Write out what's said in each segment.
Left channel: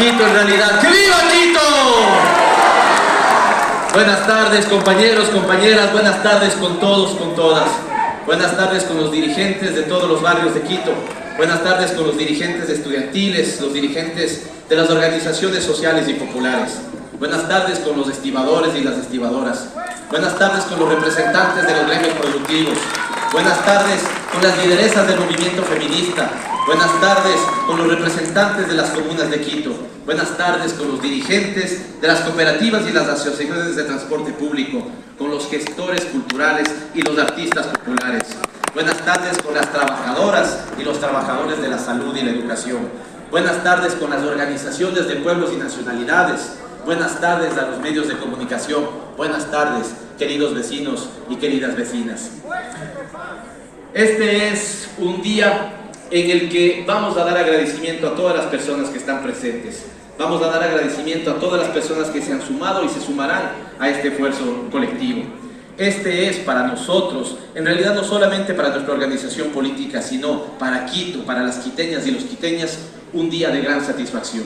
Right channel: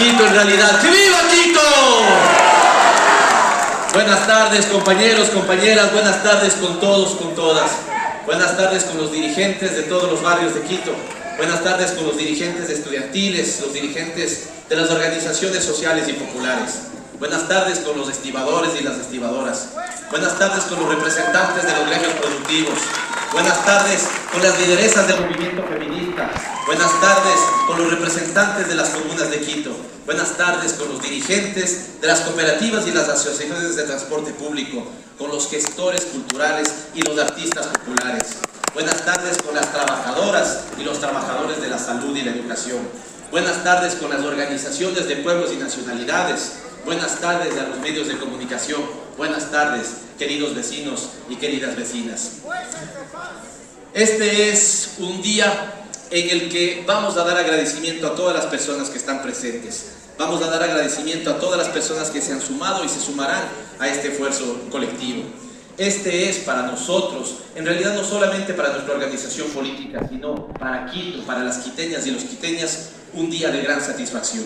Quito en realidad. ¡Que viva Quito! Buenas tardes, compañeros, compañeras, buenas tardes con todos, con todas. Buenas tardes con los dirigentes de todos los barrios de Quito. Buenas tardes con los dirigentes estudiantiles, los dirigentes de las organizaciones sociales y populares. Buenas tardes con los estibadores y las estibadoras. Buenas tardes con los representantes de los gremios productivos. Buenas tardes con las lideresas del movimiento feminista. Buenas tardes con los representantes de las comunas de Quito. Buenas tardes con los dirigentes de las cooperativas y las asociaciones de transporte público, con los gestores culturales y los artistas populares. Buenas tardes con las trabajadoras y los trabajadores de la salud y la educación. Buenas tardes con las organizaciones de pueblos y nacionalidades. Buenas tardes a los medios de comunicación. Buenas tardes, queridos vecinos y queridas vecinas. Este es un día en el que vamos a dar agradecimiento a todas las personas que están presentes. Vamos a dar agradecimiento a todas las personas que se han sumado y se sumarán a este esfuerzo colectivo. Este es para nosotros, en realidad no solamente para nuestra organización política, sino para Quito, para las quiteñas y los quiteñas, un día de gran satisfacción.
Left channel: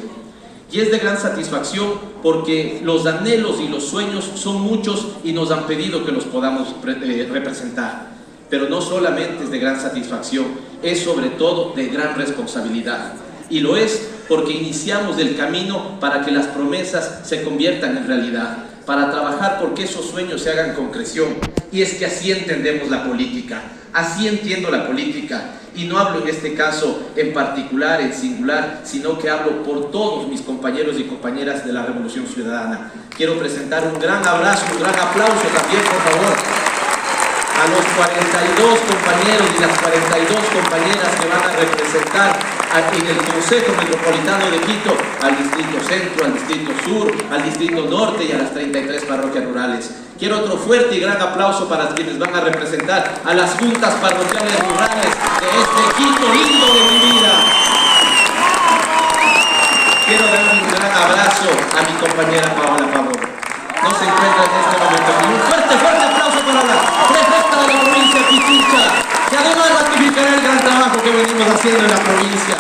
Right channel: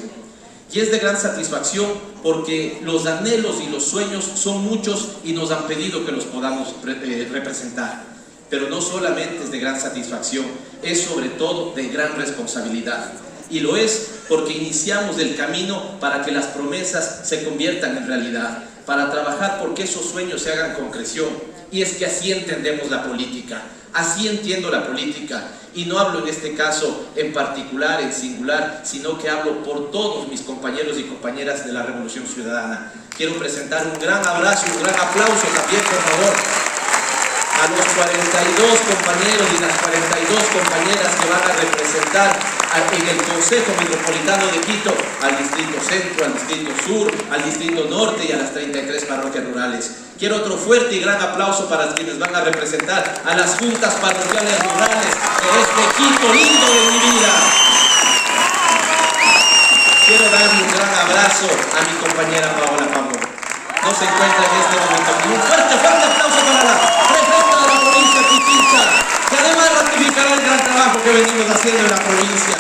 Y es de gran satisfacción porque los anhelos y los sueños son muchos y nos han pedido que los podamos representar. Pero no solamente es de gran satisfacción, es sobre todo de gran responsabilidad. Y lo es porque iniciamos el camino para que las promesas se conviertan en realidad, para trabajar porque esos sueños se hagan concreción. Y es que así entendemos la política, así entiendo la política. Y no hablo en este caso en particular, en singular, sino que hablo por todos mis compañeros y compañeras de la Revolución Ciudadana. Quiero presentar un gran abrazo, un gran aplauso también, por favor, a los 42 compañeros y las 42 compañeras que van a representar en el Consejo Metropolitano de Quito al Distrito Centro, al Distrito Sur, al Distrito Norte y a las 33 parroquias rurales. Quiero otro fuerte y gran aplauso para quienes van a representar a las juntas parroquiales rurales de este Quito lindo de mi vida. Quiero darle un gran abrazo a mi compañera Paola Pavón. No se encuentra en este momento. Un fuerte aplauso para la prefecta de la provincia de Pichincha, que además ratificará el gran trabajo que venimos haciendo en la provincia.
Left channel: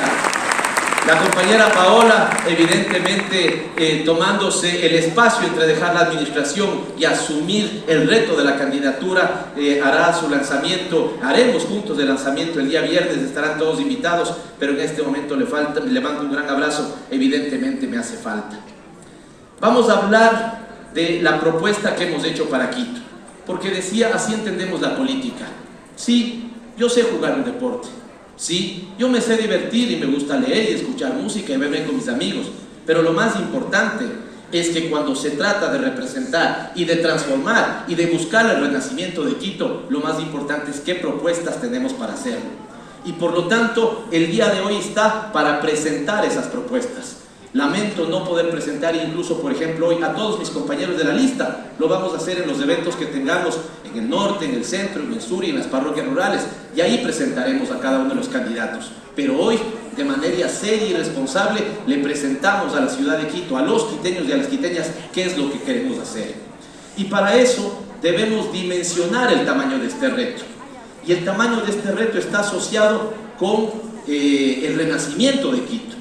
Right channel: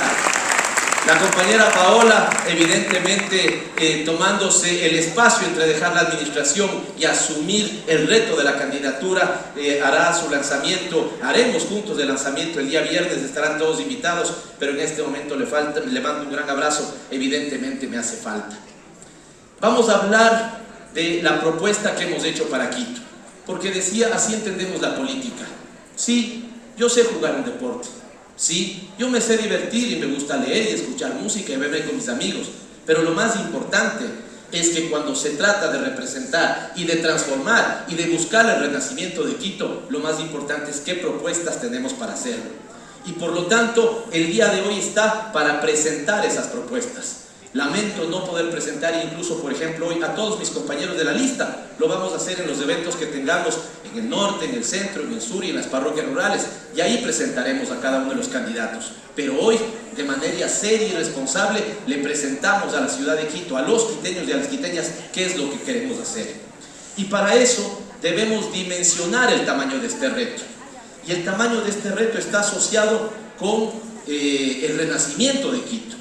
La compañera Paola, evidentemente tomándose el espacio entre dejar la administración y asumir el reto de la candidatura, hará su lanzamiento, haremos juntos el lanzamiento el día viernes, estarán todos invitados, pero en este momento le mando un gran abrazo, evidentemente me hace falta. Vamos a hablar de la propuesta que hemos hecho para Quito, porque decía, así entendemos la política. Sí, yo sé jugar un deporte. Sí, yo me sé divertir y me gusta leer y escuchar música y beber con mis amigos, pero lo más importante es que cuando se trata de representar y de transformar y de buscar el renacimiento de Quito, lo más importante es qué propuestas tenemos para hacerlo. Y por lo tanto, el día de hoy está para presentar esas propuestas. Lamento no poder presentar incluso, por ejemplo, hoy a todos mis compañeros de la lista. Lo vamos a hacer en los eventos que tengamos en el norte, en el centro, en el sur y en las parroquias rurales. Y ahí presentaremos a cada uno de los candidatos. Pero hoy, de manera seria y responsable, le presentamos a la ciudad de Quito, a los quiteños y a las quiteñas, qué es lo que queremos hacer. Y para eso debemos dimensionar el tamaño de este reto. Y el tamaño de este reto está asociado con el renacimiento de Quito.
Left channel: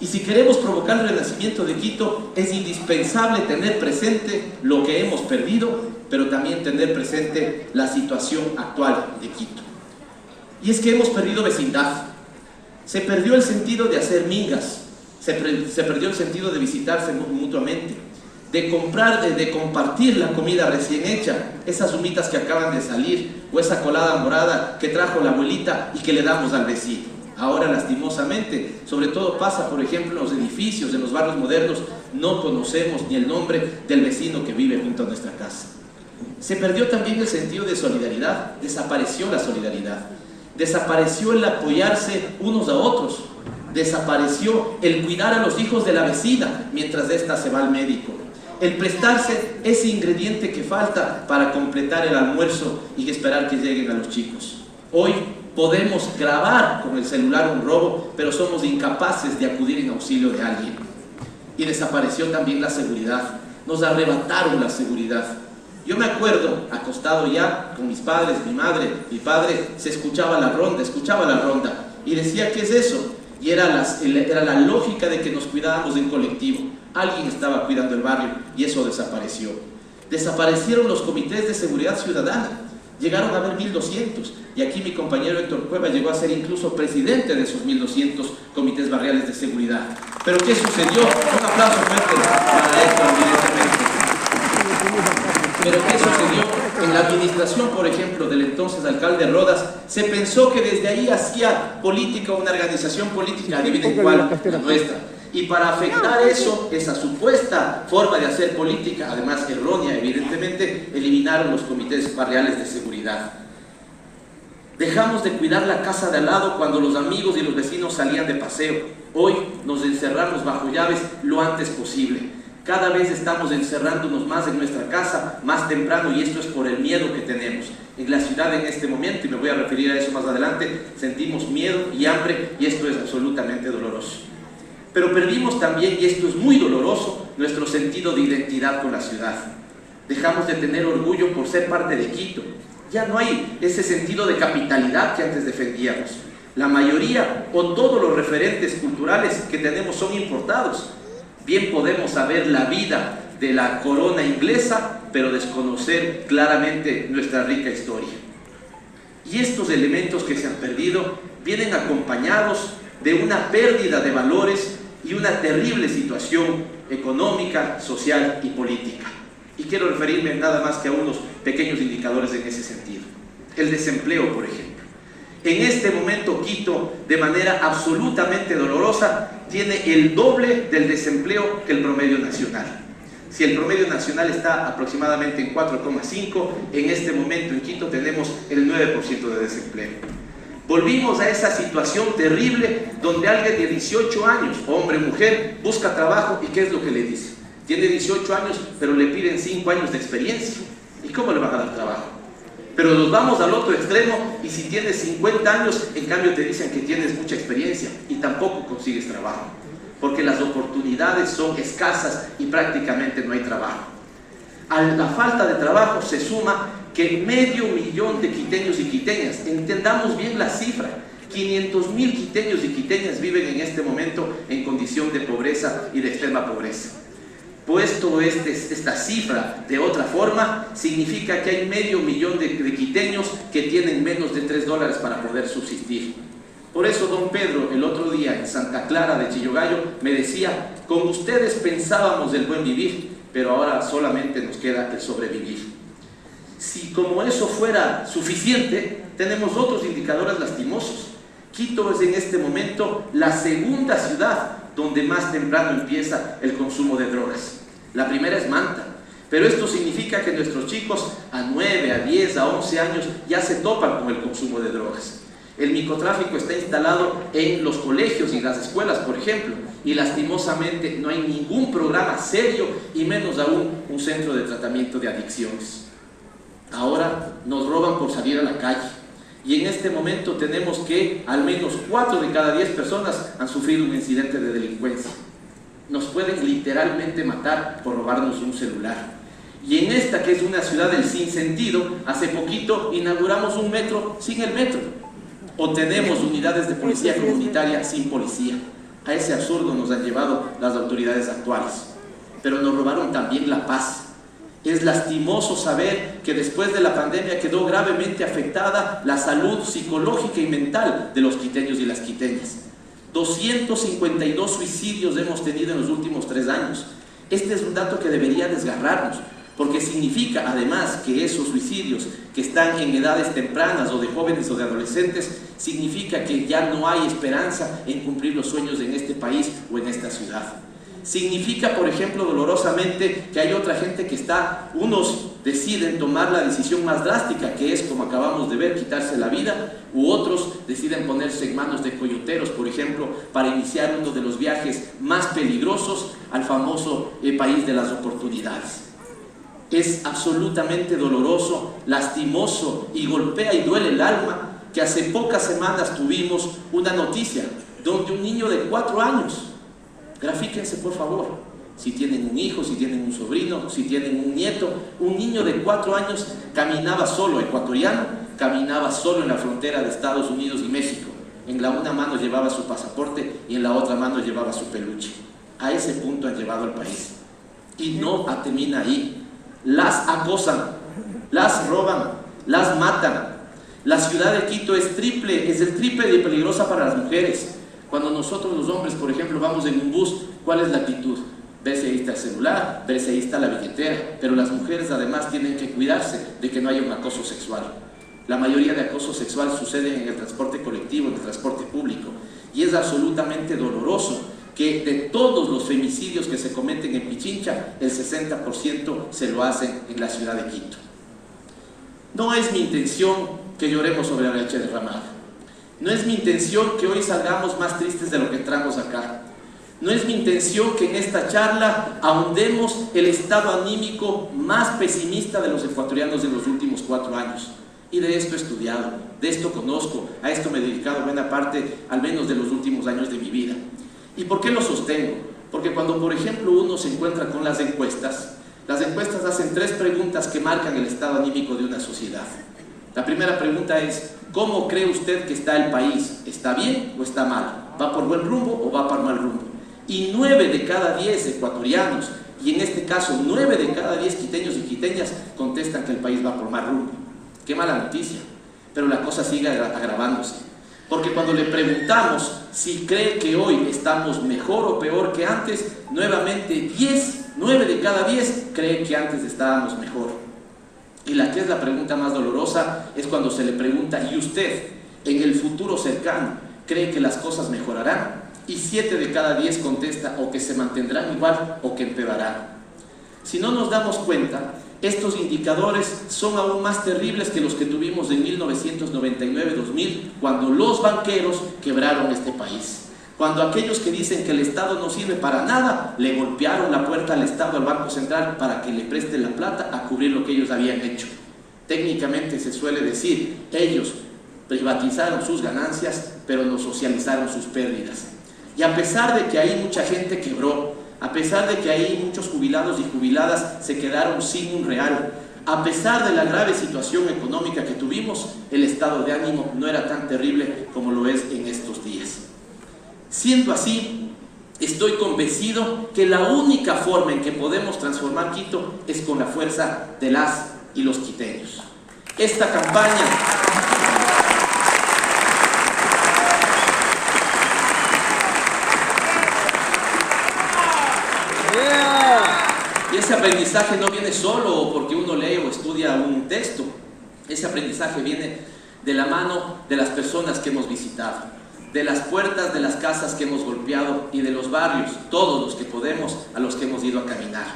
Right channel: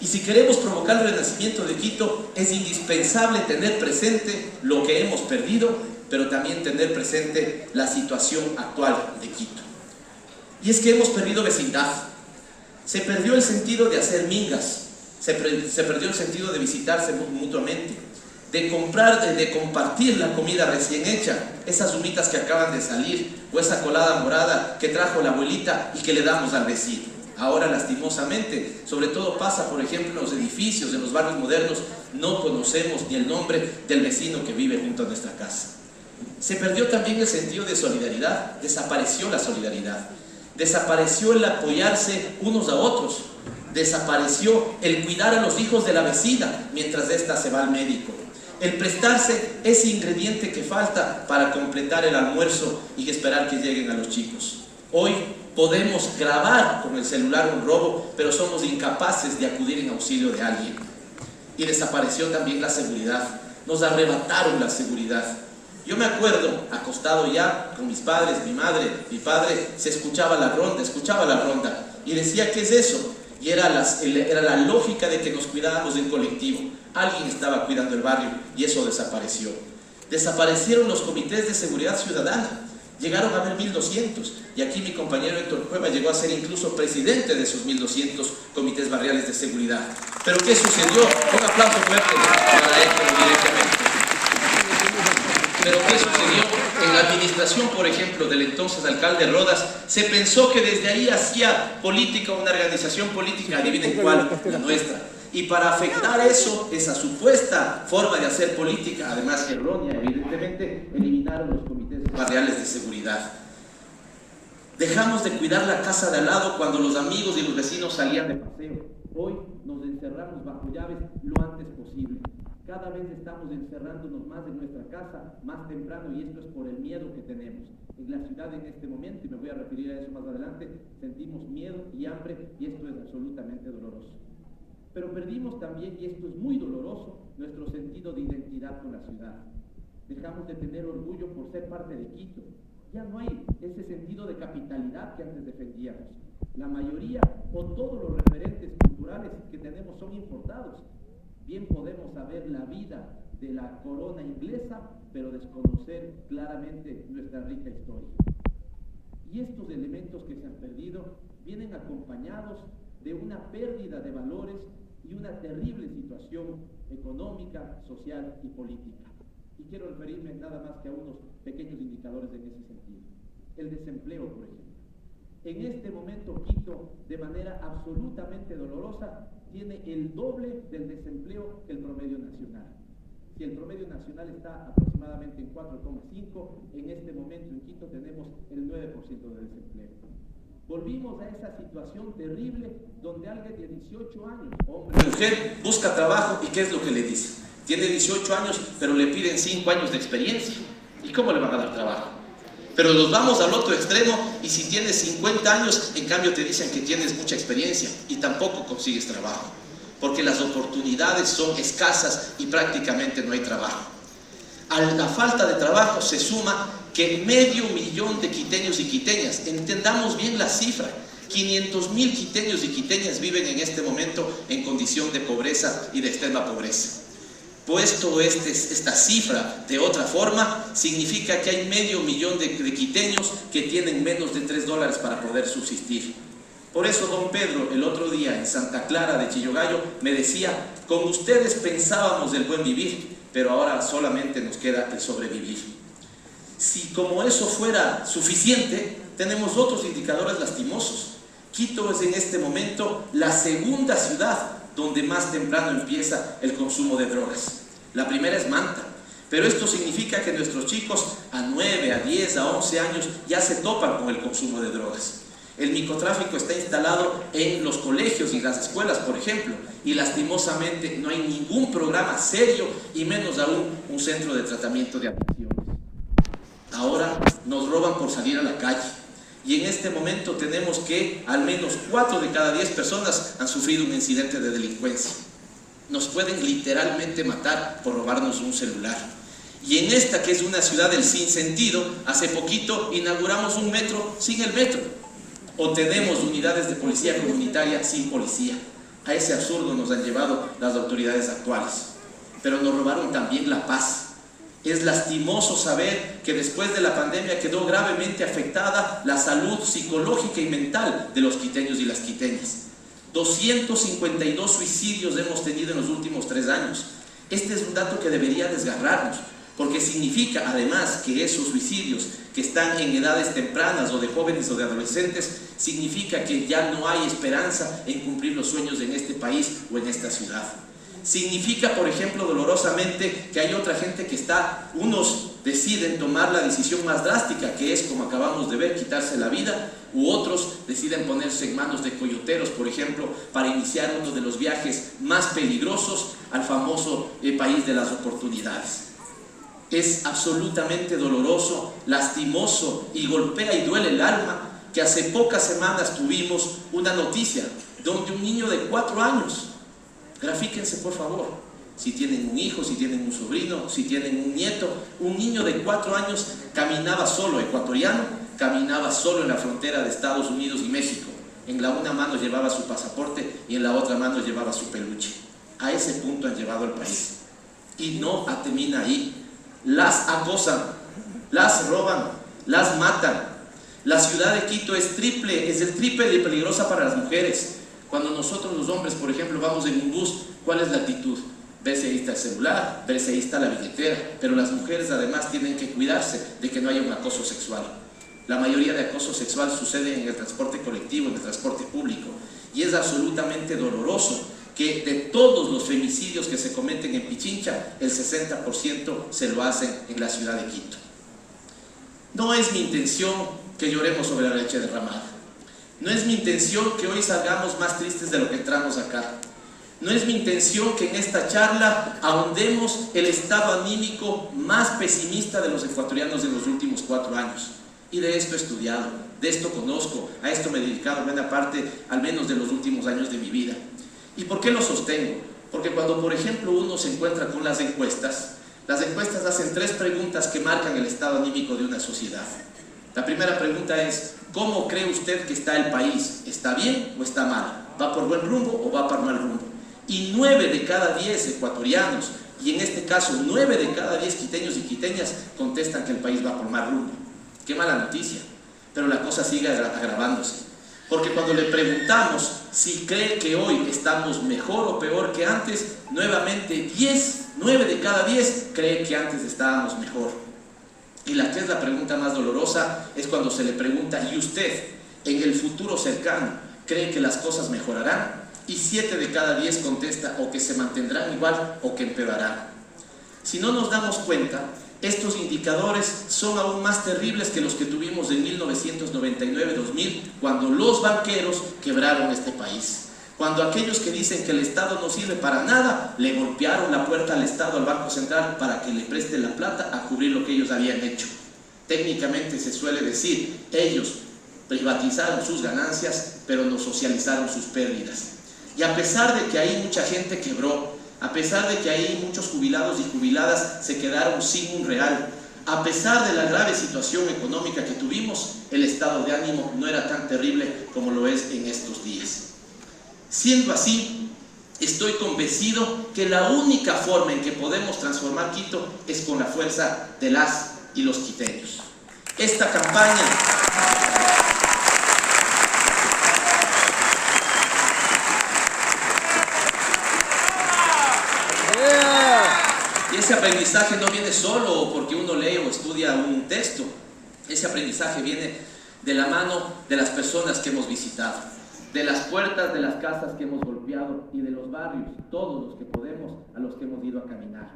Y si queremos provocar el renacimiento de Quito, es indispensable tener presente lo que hemos perdido, pero también tener presente la situación actual de Quito. Y es que hemos perdido vecindad. Se perdió el sentido de hacer migas, se perdió el sentido de visitarse mutuamente, de comprar, de compartir la comida recién hecha, esas humitas que acaban de salir, o esa colada morada que trajo la abuelita y que le damos al vecino. Ahora, lastimosamente, sobre todo pasa, por ejemplo, en los edificios, en los barrios modernos, no conocemos ni el nombre del vecino que vive junto a nuestra casa. Se perdió también el sentido de solidaridad, desapareció la solidaridad, desapareció el apoyarse unos a otros, desapareció el cuidar a los hijos de la vecina mientras ésta se va al médico, el prestarse ese ingrediente que falta para completar el almuerzo y esperar que lleguen a los chicos. Hoy podemos grabar con el celular un robo, pero somos incapaces de acudir en auxilio de alguien. Y desapareció también la seguridad. Nos arrebataron la seguridad. Yo me acuerdo, acostado ya con mis padres, mi madre, mi padre, se escuchaba la ronda, y decía, ¿qué es eso? y era la lógica de que nos cuidábamos en colectivo. Alguien estaba cuidando el barrio y eso desapareció. Desaparecieron los comités de seguridad ciudadana, llegaron a haber 1200, y aquí mi compañero Héctor Cueva llegó a ser incluso presidente de esos 1200 comités barriales de seguridad. ¿Pero qué sucedió? Un aplauso fuerte para Héctor directamente. ¿Pero qué sucedió? En la administración, por ejemplo, del entonces alcalde Rodas, se pensó que desde ahí hacía política una organización política, adivinen cuál, la nuestra. Y para afectar eso, esa supuesta forma de hacer política, además errónea, evidentemente, eliminaron los comités barriales de seguridad. Dejamos de cuidar la casa de al lado cuando los amigos y los vecinos salían de paseo. Hoy nos encerramos bajo llaves lo antes posible. Cada vez estamos encerrándonos más en nuestra casa, más temprano, y esto es por el miedo que tenemos. En la ciudad en este momento, y me voy a referir a eso más adelante, sentimos miedo y hambre, y esto es absolutamente doloroso. Pero perdimos también, y esto es muy doloroso, nuestro sentido de identidad con la ciudad. Dejamos de tener orgullo por ser parte de Quito. Ya no hay ese sentido de capitalidad que antes defendíamos. La mayoría o todos los referentes culturales que tenemos son importados. Bien podemos saber la vida de la corona inglesa, pero desconocer claramente nuestra rica historia. Y estos elementos que se han perdido vienen acompañados de una pérdida de valores y una terrible situación económica, social y política. Y quiero referirme nada más que a unos pequeños indicadores en ese sentido. El desempleo, por ejemplo. En este momento Quito, de manera absolutamente dolorosa, tiene el doble del desempleo que el promedio nacional. Si el promedio nacional está aproximadamente en 4,5, en este momento en Quito tenemos el 9% de desempleo. Volvimos a esa situación terrible donde alguien de 18 años, hombre, mujer, busca trabajo, y ¿qué es lo que le dice? Tiene 18 años, pero le piden 5 años de experiencia. ¿Y cómo le van a dar trabajo? Pero nos vamos al otro extremo, y si tienes 50 años, en cambio te dicen que tienes mucha experiencia y tampoco consigues trabajo, porque las oportunidades son escasas y prácticamente no hay trabajo. A la falta de trabajo se suma que 500.000 de quiteños y quiteñas, entendamos bien la cifra, 500.000 quiteños y quiteñas viven en este momento en condición de pobreza y de extrema pobreza. Puesto esta cifra de otra forma, significa que hay 500.000 de quiteños que tienen menos de $3 para poder subsistir. Por eso don Pedro el otro día en Santa Clara de Chillogallo me decía: con ustedes pensábamos del buen vivir, pero ahora solamente nos queda el sobrevivir. Si como eso fuera suficiente, tenemos otros indicadores lastimosos. Quito es en este momento la segunda ciudad donde más temprano empieza el consumo de drogas. La primera es Manta, pero esto significa que nuestros chicos a 9, a 10, a 11 años ya se topan con el consumo de drogas. El microtráfico está instalado en los colegios y en las escuelas, por ejemplo, y lastimosamente no hay ningún programa serio, y menos aún un centro de tratamiento de adicciones. Ahora nos roban por salir a la calle, y en este momento tenemos que al menos 4 de cada 10 personas han sufrido un incidente de delincuencia. Nos pueden literalmente matar por robarnos un celular. Y en esta, que es una ciudad del sinsentido, hace poquito inauguramos un metro sin el metro, o tenemos unidades de policía comunitaria sin policía. A ese absurdo nos han llevado las autoridades actuales. Pero nos robaron también la paz. Es lastimoso saber que después de la pandemia quedó gravemente afectada la salud psicológica y mental de los quiteños y las quiteñas. 252 suicidios hemos tenido en los últimos 3 años. Este es un dato que debería desgarrarnos, porque significa además que esos suicidios que están en edades tempranas, o de jóvenes o de adolescentes, significa que ya no hay esperanza en cumplir los sueños en este país o en esta ciudad. Significa, por ejemplo, dolorosamente, que hay otra gente que unos deciden tomar la decisión más drástica, que es, como acabamos de ver, quitarse la vida, u otros deciden ponerse en manos de coyoteros, por ejemplo, para iniciar uno de los viajes más peligrosos al famoso país de las oportunidades. Es absolutamente doloroso, lastimoso, y golpea y duele el alma que hace pocas semanas tuvimos una noticia donde un niño de 4 años, grafíquense por favor, si tienen un hijo, si tienen un sobrino, si tienen un nieto, un niño de 4 años caminaba solo, ecuatoriano, caminaba solo en la frontera de Estados Unidos y México, en la una mano llevaba su pasaporte y en la otra mano llevaba su peluche. A ese punto han llevado al país. Y no termina ahí. Las acosan, las roban, las matan. La ciudad de Quito es el triple de peligrosa para las mujeres. Cuando nosotros los hombres, por ejemplo, vamos en un bus, ¿cuál es la actitud? Ver si ahí está el celular, ver si ahí está la billetera. Pero las mujeres además tienen que cuidarse de que no haya un acoso sexual. La mayoría de acoso sexual sucede en el transporte colectivo, en el transporte público. Y es absolutamente doloroso que de todos los femicidios que se cometen en Pichincha, el 60% se lo hacen en la ciudad de Quito. No es mi intención que lloremos sobre la leche derramada. No es mi intención que hoy salgamos más tristes de lo que entramos acá. No es mi intención que en esta charla ahondemos el estado anímico más pesimista de los ecuatorianos de los últimos 4 años. Y de esto he estudiado, de esto conozco, a esto me he dedicado buena parte, al menos de los últimos años de mi vida. ¿Y por qué lo sostengo? Porque cuando, por ejemplo, uno se encuentra con las encuestas hacen 3 preguntas que marcan el estado anímico de una sociedad. La primera pregunta es, ¿cómo cree usted que está el país? ¿Está bien o está mal? ¿Va por buen rumbo o va por mal rumbo? Y 9 de cada 10 ecuatorianos, y en este caso 9 de cada 10 quiteños y quiteñas, contestan que el país va por mal rumbo. Qué mala noticia, pero la cosa sigue agravándose. Porque cuando le preguntamos si cree que hoy estamos mejor o peor que antes, nuevamente 9 de cada 10 creen que antes estábamos mejor. Y la que es la pregunta más dolorosa es cuando se le pregunta, ¿y usted en el futuro cercano cree que las cosas mejorarán? Y 7 de cada 10 contesta o que se mantendrán igual o que empeorarán. Si no nos damos cuenta, estos indicadores son aún más terribles que los que tuvimos en 1999-2000, cuando los banqueros quebraron este país. Cuando aquellos que dicen que el Estado no sirve para nada, le golpearon la puerta al Estado, al Banco Central, para que le preste la plata a cubrir lo que ellos habían hecho. Técnicamente se suele decir, ellos privatizaron sus ganancias, pero no socializaron sus pérdidas. Y a pesar de que ahí mucha gente quebró, a pesar de que ahí muchos jubilados y jubiladas se quedaron sin un real, a pesar de la grave situación económica que tuvimos, el estado de ánimo no era tan terrible como lo es en estos días. Siendo así, estoy convencido que la única forma en que podemos transformar Quito es con la fuerza de las y los quiteños. Esta campaña y ese aprendizaje no viene solo porque uno lee o estudia un texto. Ese aprendizaje viene de la mano de las personas que hemos visitado, de las puertas de las casas que hemos golpeado y de los barrios, todos los que podemos, a los que hemos ido a caminar.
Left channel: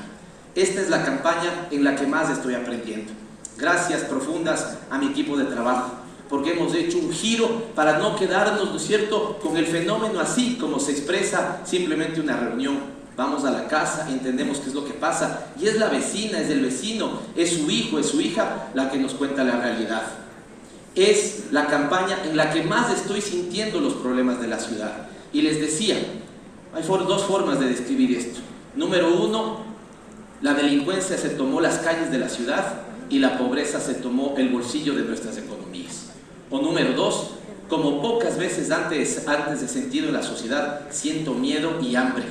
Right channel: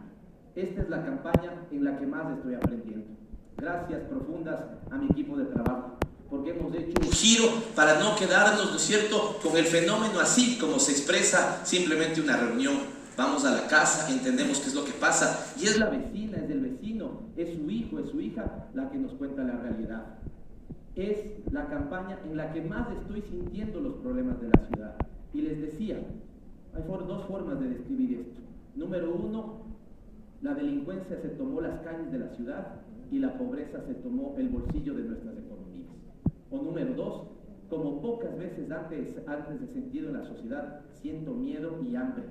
Esta es la campaña en la que más estoy aprendiendo. Gracias profundas a mi equipo de trabajo, porque hemos hecho un giro para no quedarnos, ¿no es cierto?, con el fenómeno así como se expresa simplemente una reunión. Vamos a la casa, entendemos qué es lo que pasa, y es la vecina, es el vecino, es su hijo, es su hija la que nos cuenta la realidad. Es la campaña en la que más estoy sintiendo los problemas de la ciudad. Y les decía, hay 2 formas de describir esto. Número 1, la delincuencia se tomó las calles de la ciudad y la pobreza se tomó el bolsillo de nuestras economías. O número 2, como pocas veces antes he sentido en la sociedad, siento miedo y hambre.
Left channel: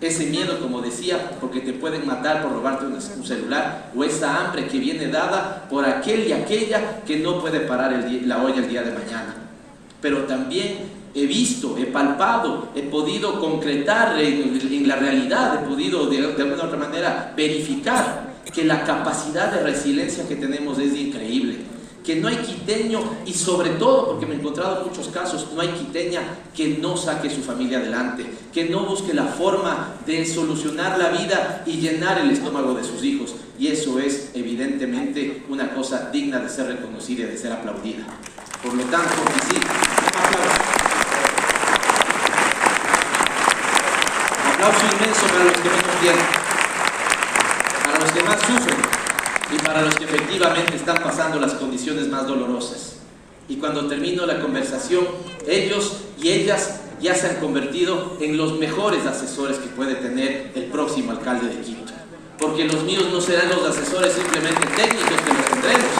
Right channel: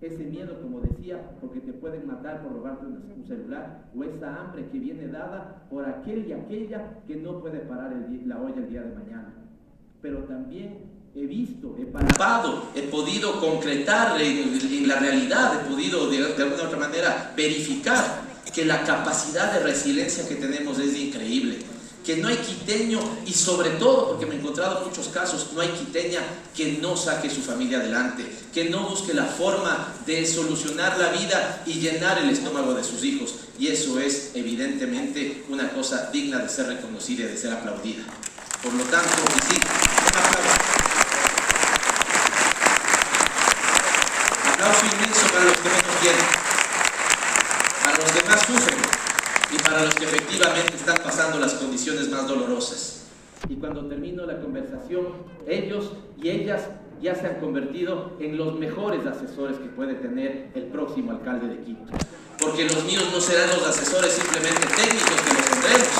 Ese miedo, como decía, porque te pueden matar por robarte un celular, o esa hambre que viene dada por aquel y aquella que no puede parar la olla el día de mañana. Pero también he visto, he palpado, he podido concretar en la realidad, he podido de alguna otra manera verificar que la capacidad de resiliencia que tenemos es increíble. Que no hay quiteño, y sobre todo, porque me he encontrado en muchos casos, no hay quiteña que no saque su familia adelante, que no busque la forma de solucionar la vida y llenar el estómago de sus hijos. Y eso es evidentemente una cosa digna de ser reconocida y de ser aplaudida. Por lo tanto, sí, aplauso inmenso para los que menos tienen, para los que más sufren y para los que efectivamente están pasando las condiciones más dolorosas. Y cuando termino la conversación, ellos y ellas ya se han convertido en los mejores asesores que puede tener el próximo alcalde de Quito. Porque los míos no serán los asesores simplemente técnicos que los tendremos,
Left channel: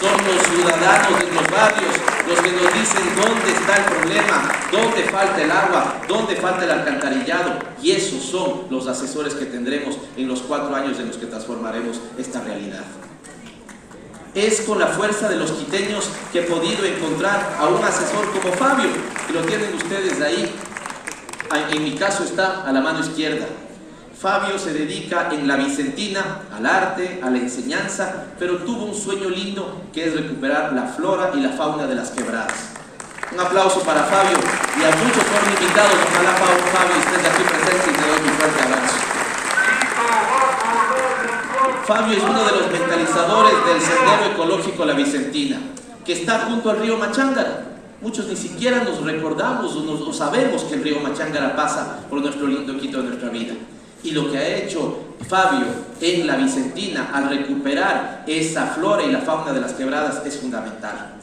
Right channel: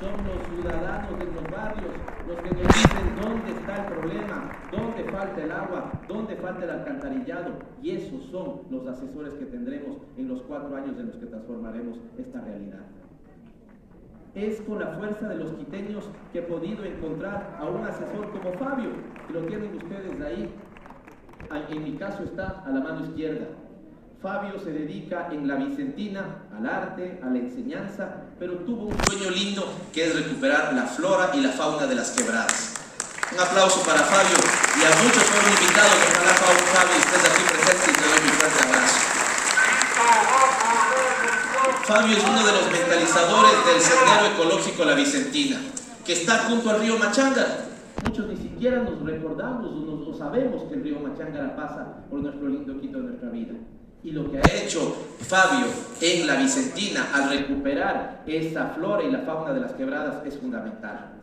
son los ciudadanos de los barrios los que nos dicen dónde está el problema, dónde falta el agua, dónde falta el alcantarillado, y esos son los asesores que tendremos en los 4 años en los que transformaremos esta realidad. Es con la fuerza de los quiteños que he podido encontrar a un asesor como Fabio, que lo tienen ustedes ahí. En mi caso está a la mano izquierda. Fabio se dedica en la Vicentina al arte, a la enseñanza, pero tuvo un sueño lindo que es recuperar la flora y la fauna de las quebradas. Un aplauso para Fabio y a muchos fueron invitados. Ojalá Fabio estés aquí presente y te doy mi fuerte abrazo. Fabio es uno de los mentalizadores del sendero ecológico La Vicentina, que está junto al río Machángara. Muchos ni siquiera nos recordamos o sabemos que el río Machángara pasa por nuestro lindo Quito de nuestra vida. Y lo que ha hecho Fabio en La Vicentina al recuperar esa flora y la fauna de las quebradas es fundamental.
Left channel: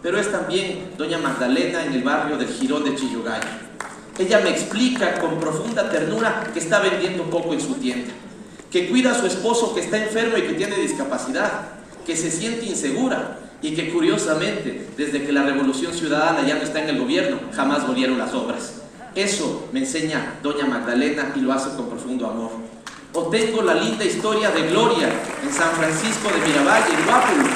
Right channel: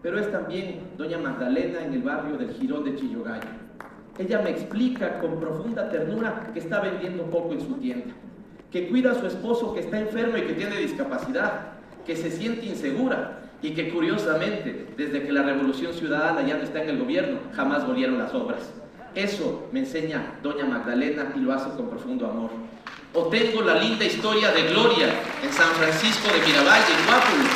Pero es también doña Magdalena en el barrio del Jirón de Chillogallo. Ella me explica con profunda ternura que está vendiendo poco en su tienda, que cuida a su esposo que está enfermo y que tiene discapacidad, que se siente insegura y que curiosamente, desde que la Revolución Ciudadana ya no está en el gobierno, jamás volvieron las obras. Eso me enseña doña Magdalena y lo hace con profundo amor. O tengo la linda historia de Gloria en San Francisco de Miravalle, en Guápulo.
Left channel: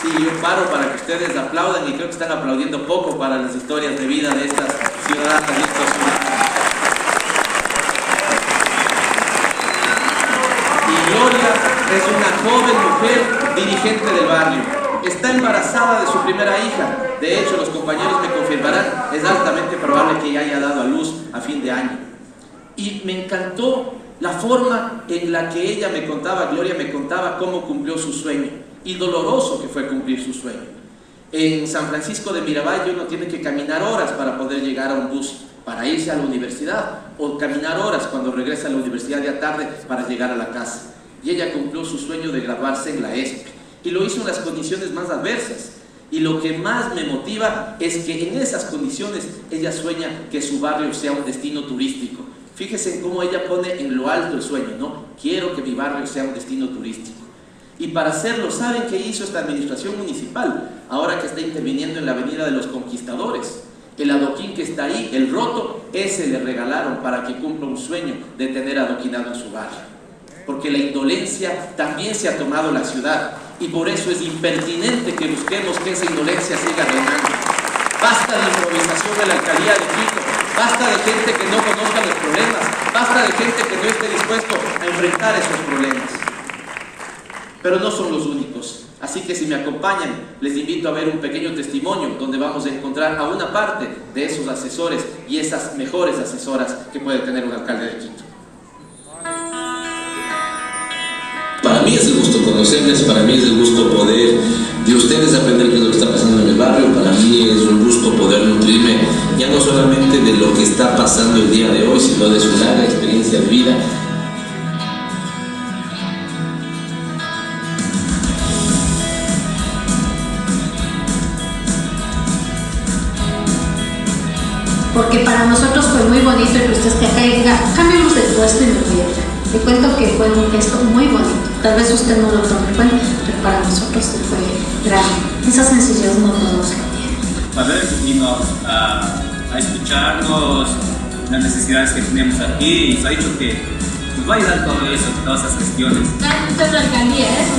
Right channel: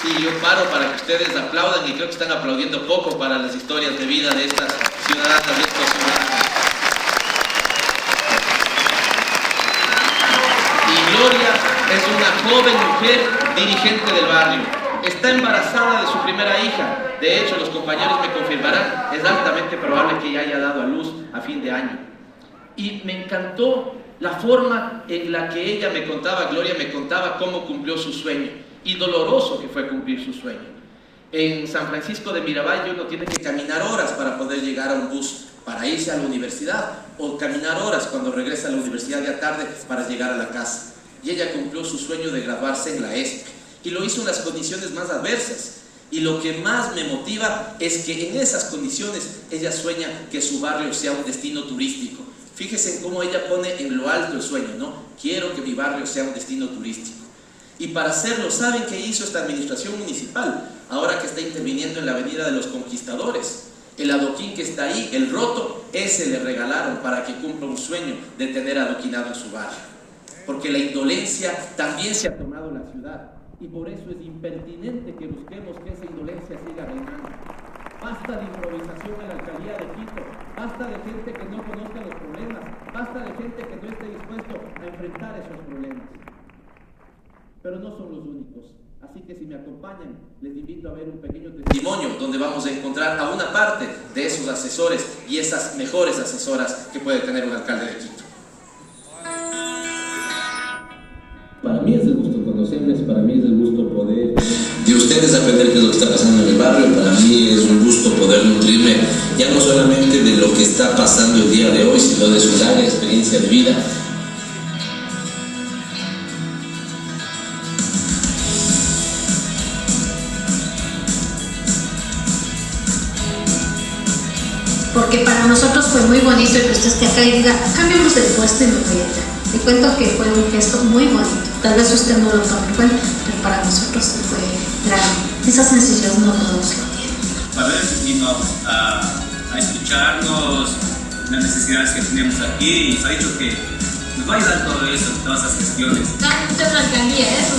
Sí, yo paro para que ustedes aplaudan y creo que están aplaudiendo poco para las historias de vida de estas ciudadanas de estos ciudadanos. Y Gloria es una joven mujer dirigente del barrio. Está embarazada de su primera hija. De hecho, los compañeros me confirmarán, es altamente probable que ella haya dado a luz a fin de año. Y me encantó la forma en la que ella me contaba, Gloria me contaba cómo cumplió su sueño y doloroso que fue cumplir su sueño. En San Francisco de Miravalle uno tiene que caminar horas para poder llegar a un bus para irse a la universidad, o caminar horas cuando regresa a la universidad ya tarde para llegar a la casa. Y ella cumplió su sueño de graduarse en la ESP y lo hizo en las condiciones más adversas. Y lo que más me motiva es que en esas condiciones ella sueña que su barrio sea un destino turístico. Fíjense cómo ella pone en lo alto el sueño, ¿no? Quiero que mi barrio sea un destino turístico. Y para hacerlo, ¿saben qué hizo esta administración municipal? Ahora que está interviniendo en la Avenida de los Conquistadores. El adoquín que está ahí, el roto, ese le regalaron para que cumpla un sueño de tener adoquinado en su barrio. Porque la indolencia también se ha tomado la ciudad. Y por eso es impertinente que busquemos que esa indolencia siga reinando. Basta de improvisación en la alcaldía de Quito, basta de gente que no conozca los problemas, basta de gente que no esté dispuesto a enfrentar esos problemas. Pero no son los únicos, así que si me acompañan, les invito a ver un pequeño testimonio donde vamos a encontrar a una parte de esos asesores y esas mejores asesoras que puede tener un alcalde de Quito. Para mí es el gusto conocerles, para mí es el gusto poder de ustedes aprender qué es lo que está pasando en el barrio. Para mí es un gusto poder nutrirme ya no solamente de lo que está pasando el día de hoy, sino de su larga experiencia de vida. Porque para nosotros fue muy bonito que usted esté acá y diga, cambiamos de puesto y me voy allá. Le cuento que fue un gesto muy bonito. Tal vez usted no lo tome en cuenta, pero para nosotros sí fue grande. Esa sencillez no todos lo tienen. A veces vino a escucharnos, las necesidades que tenemos aquí, y nos ha dicho que nos va a ayudar todo eso, todas esas gestiones. Usted es la alcaldía, eso.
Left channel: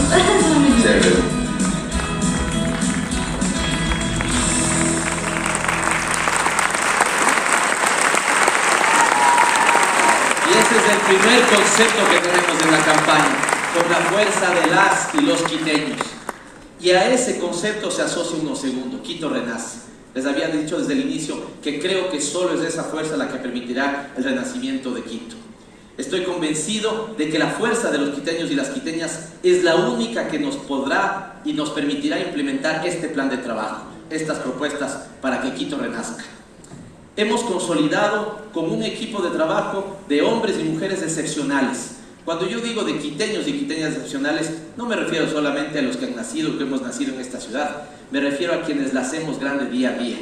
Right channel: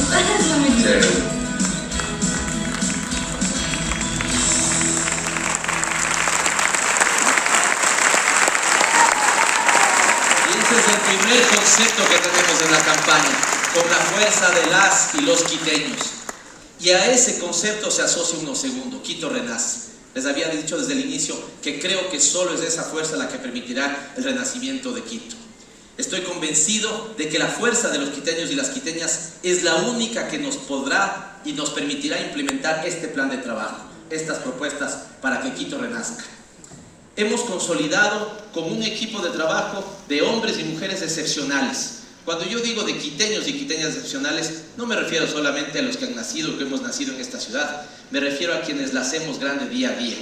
El primer concepto que tenemos en la campaña, con la fuerza de las y los quiteños. Y a ese concepto se asocia uno segundo, Quito renace. Les había dicho desde el inicio que creo que solo es esa fuerza la que permitirá el renacimiento de Quito. Estoy convencido de que la fuerza de los quiteños y las quiteñas es la única que nos podrá y nos permitirá implementar este plan de trabajo, estas propuestas para que Quito renazca. Hemos consolidado con un equipo de trabajo de hombres y mujeres excepcionales. Cuando yo digo de quiteños y quiteñas excepcionales, no me refiero solamente a los que han nacido o que hemos nacido en esta ciudad, me refiero a quienes la hacemos grande día a día.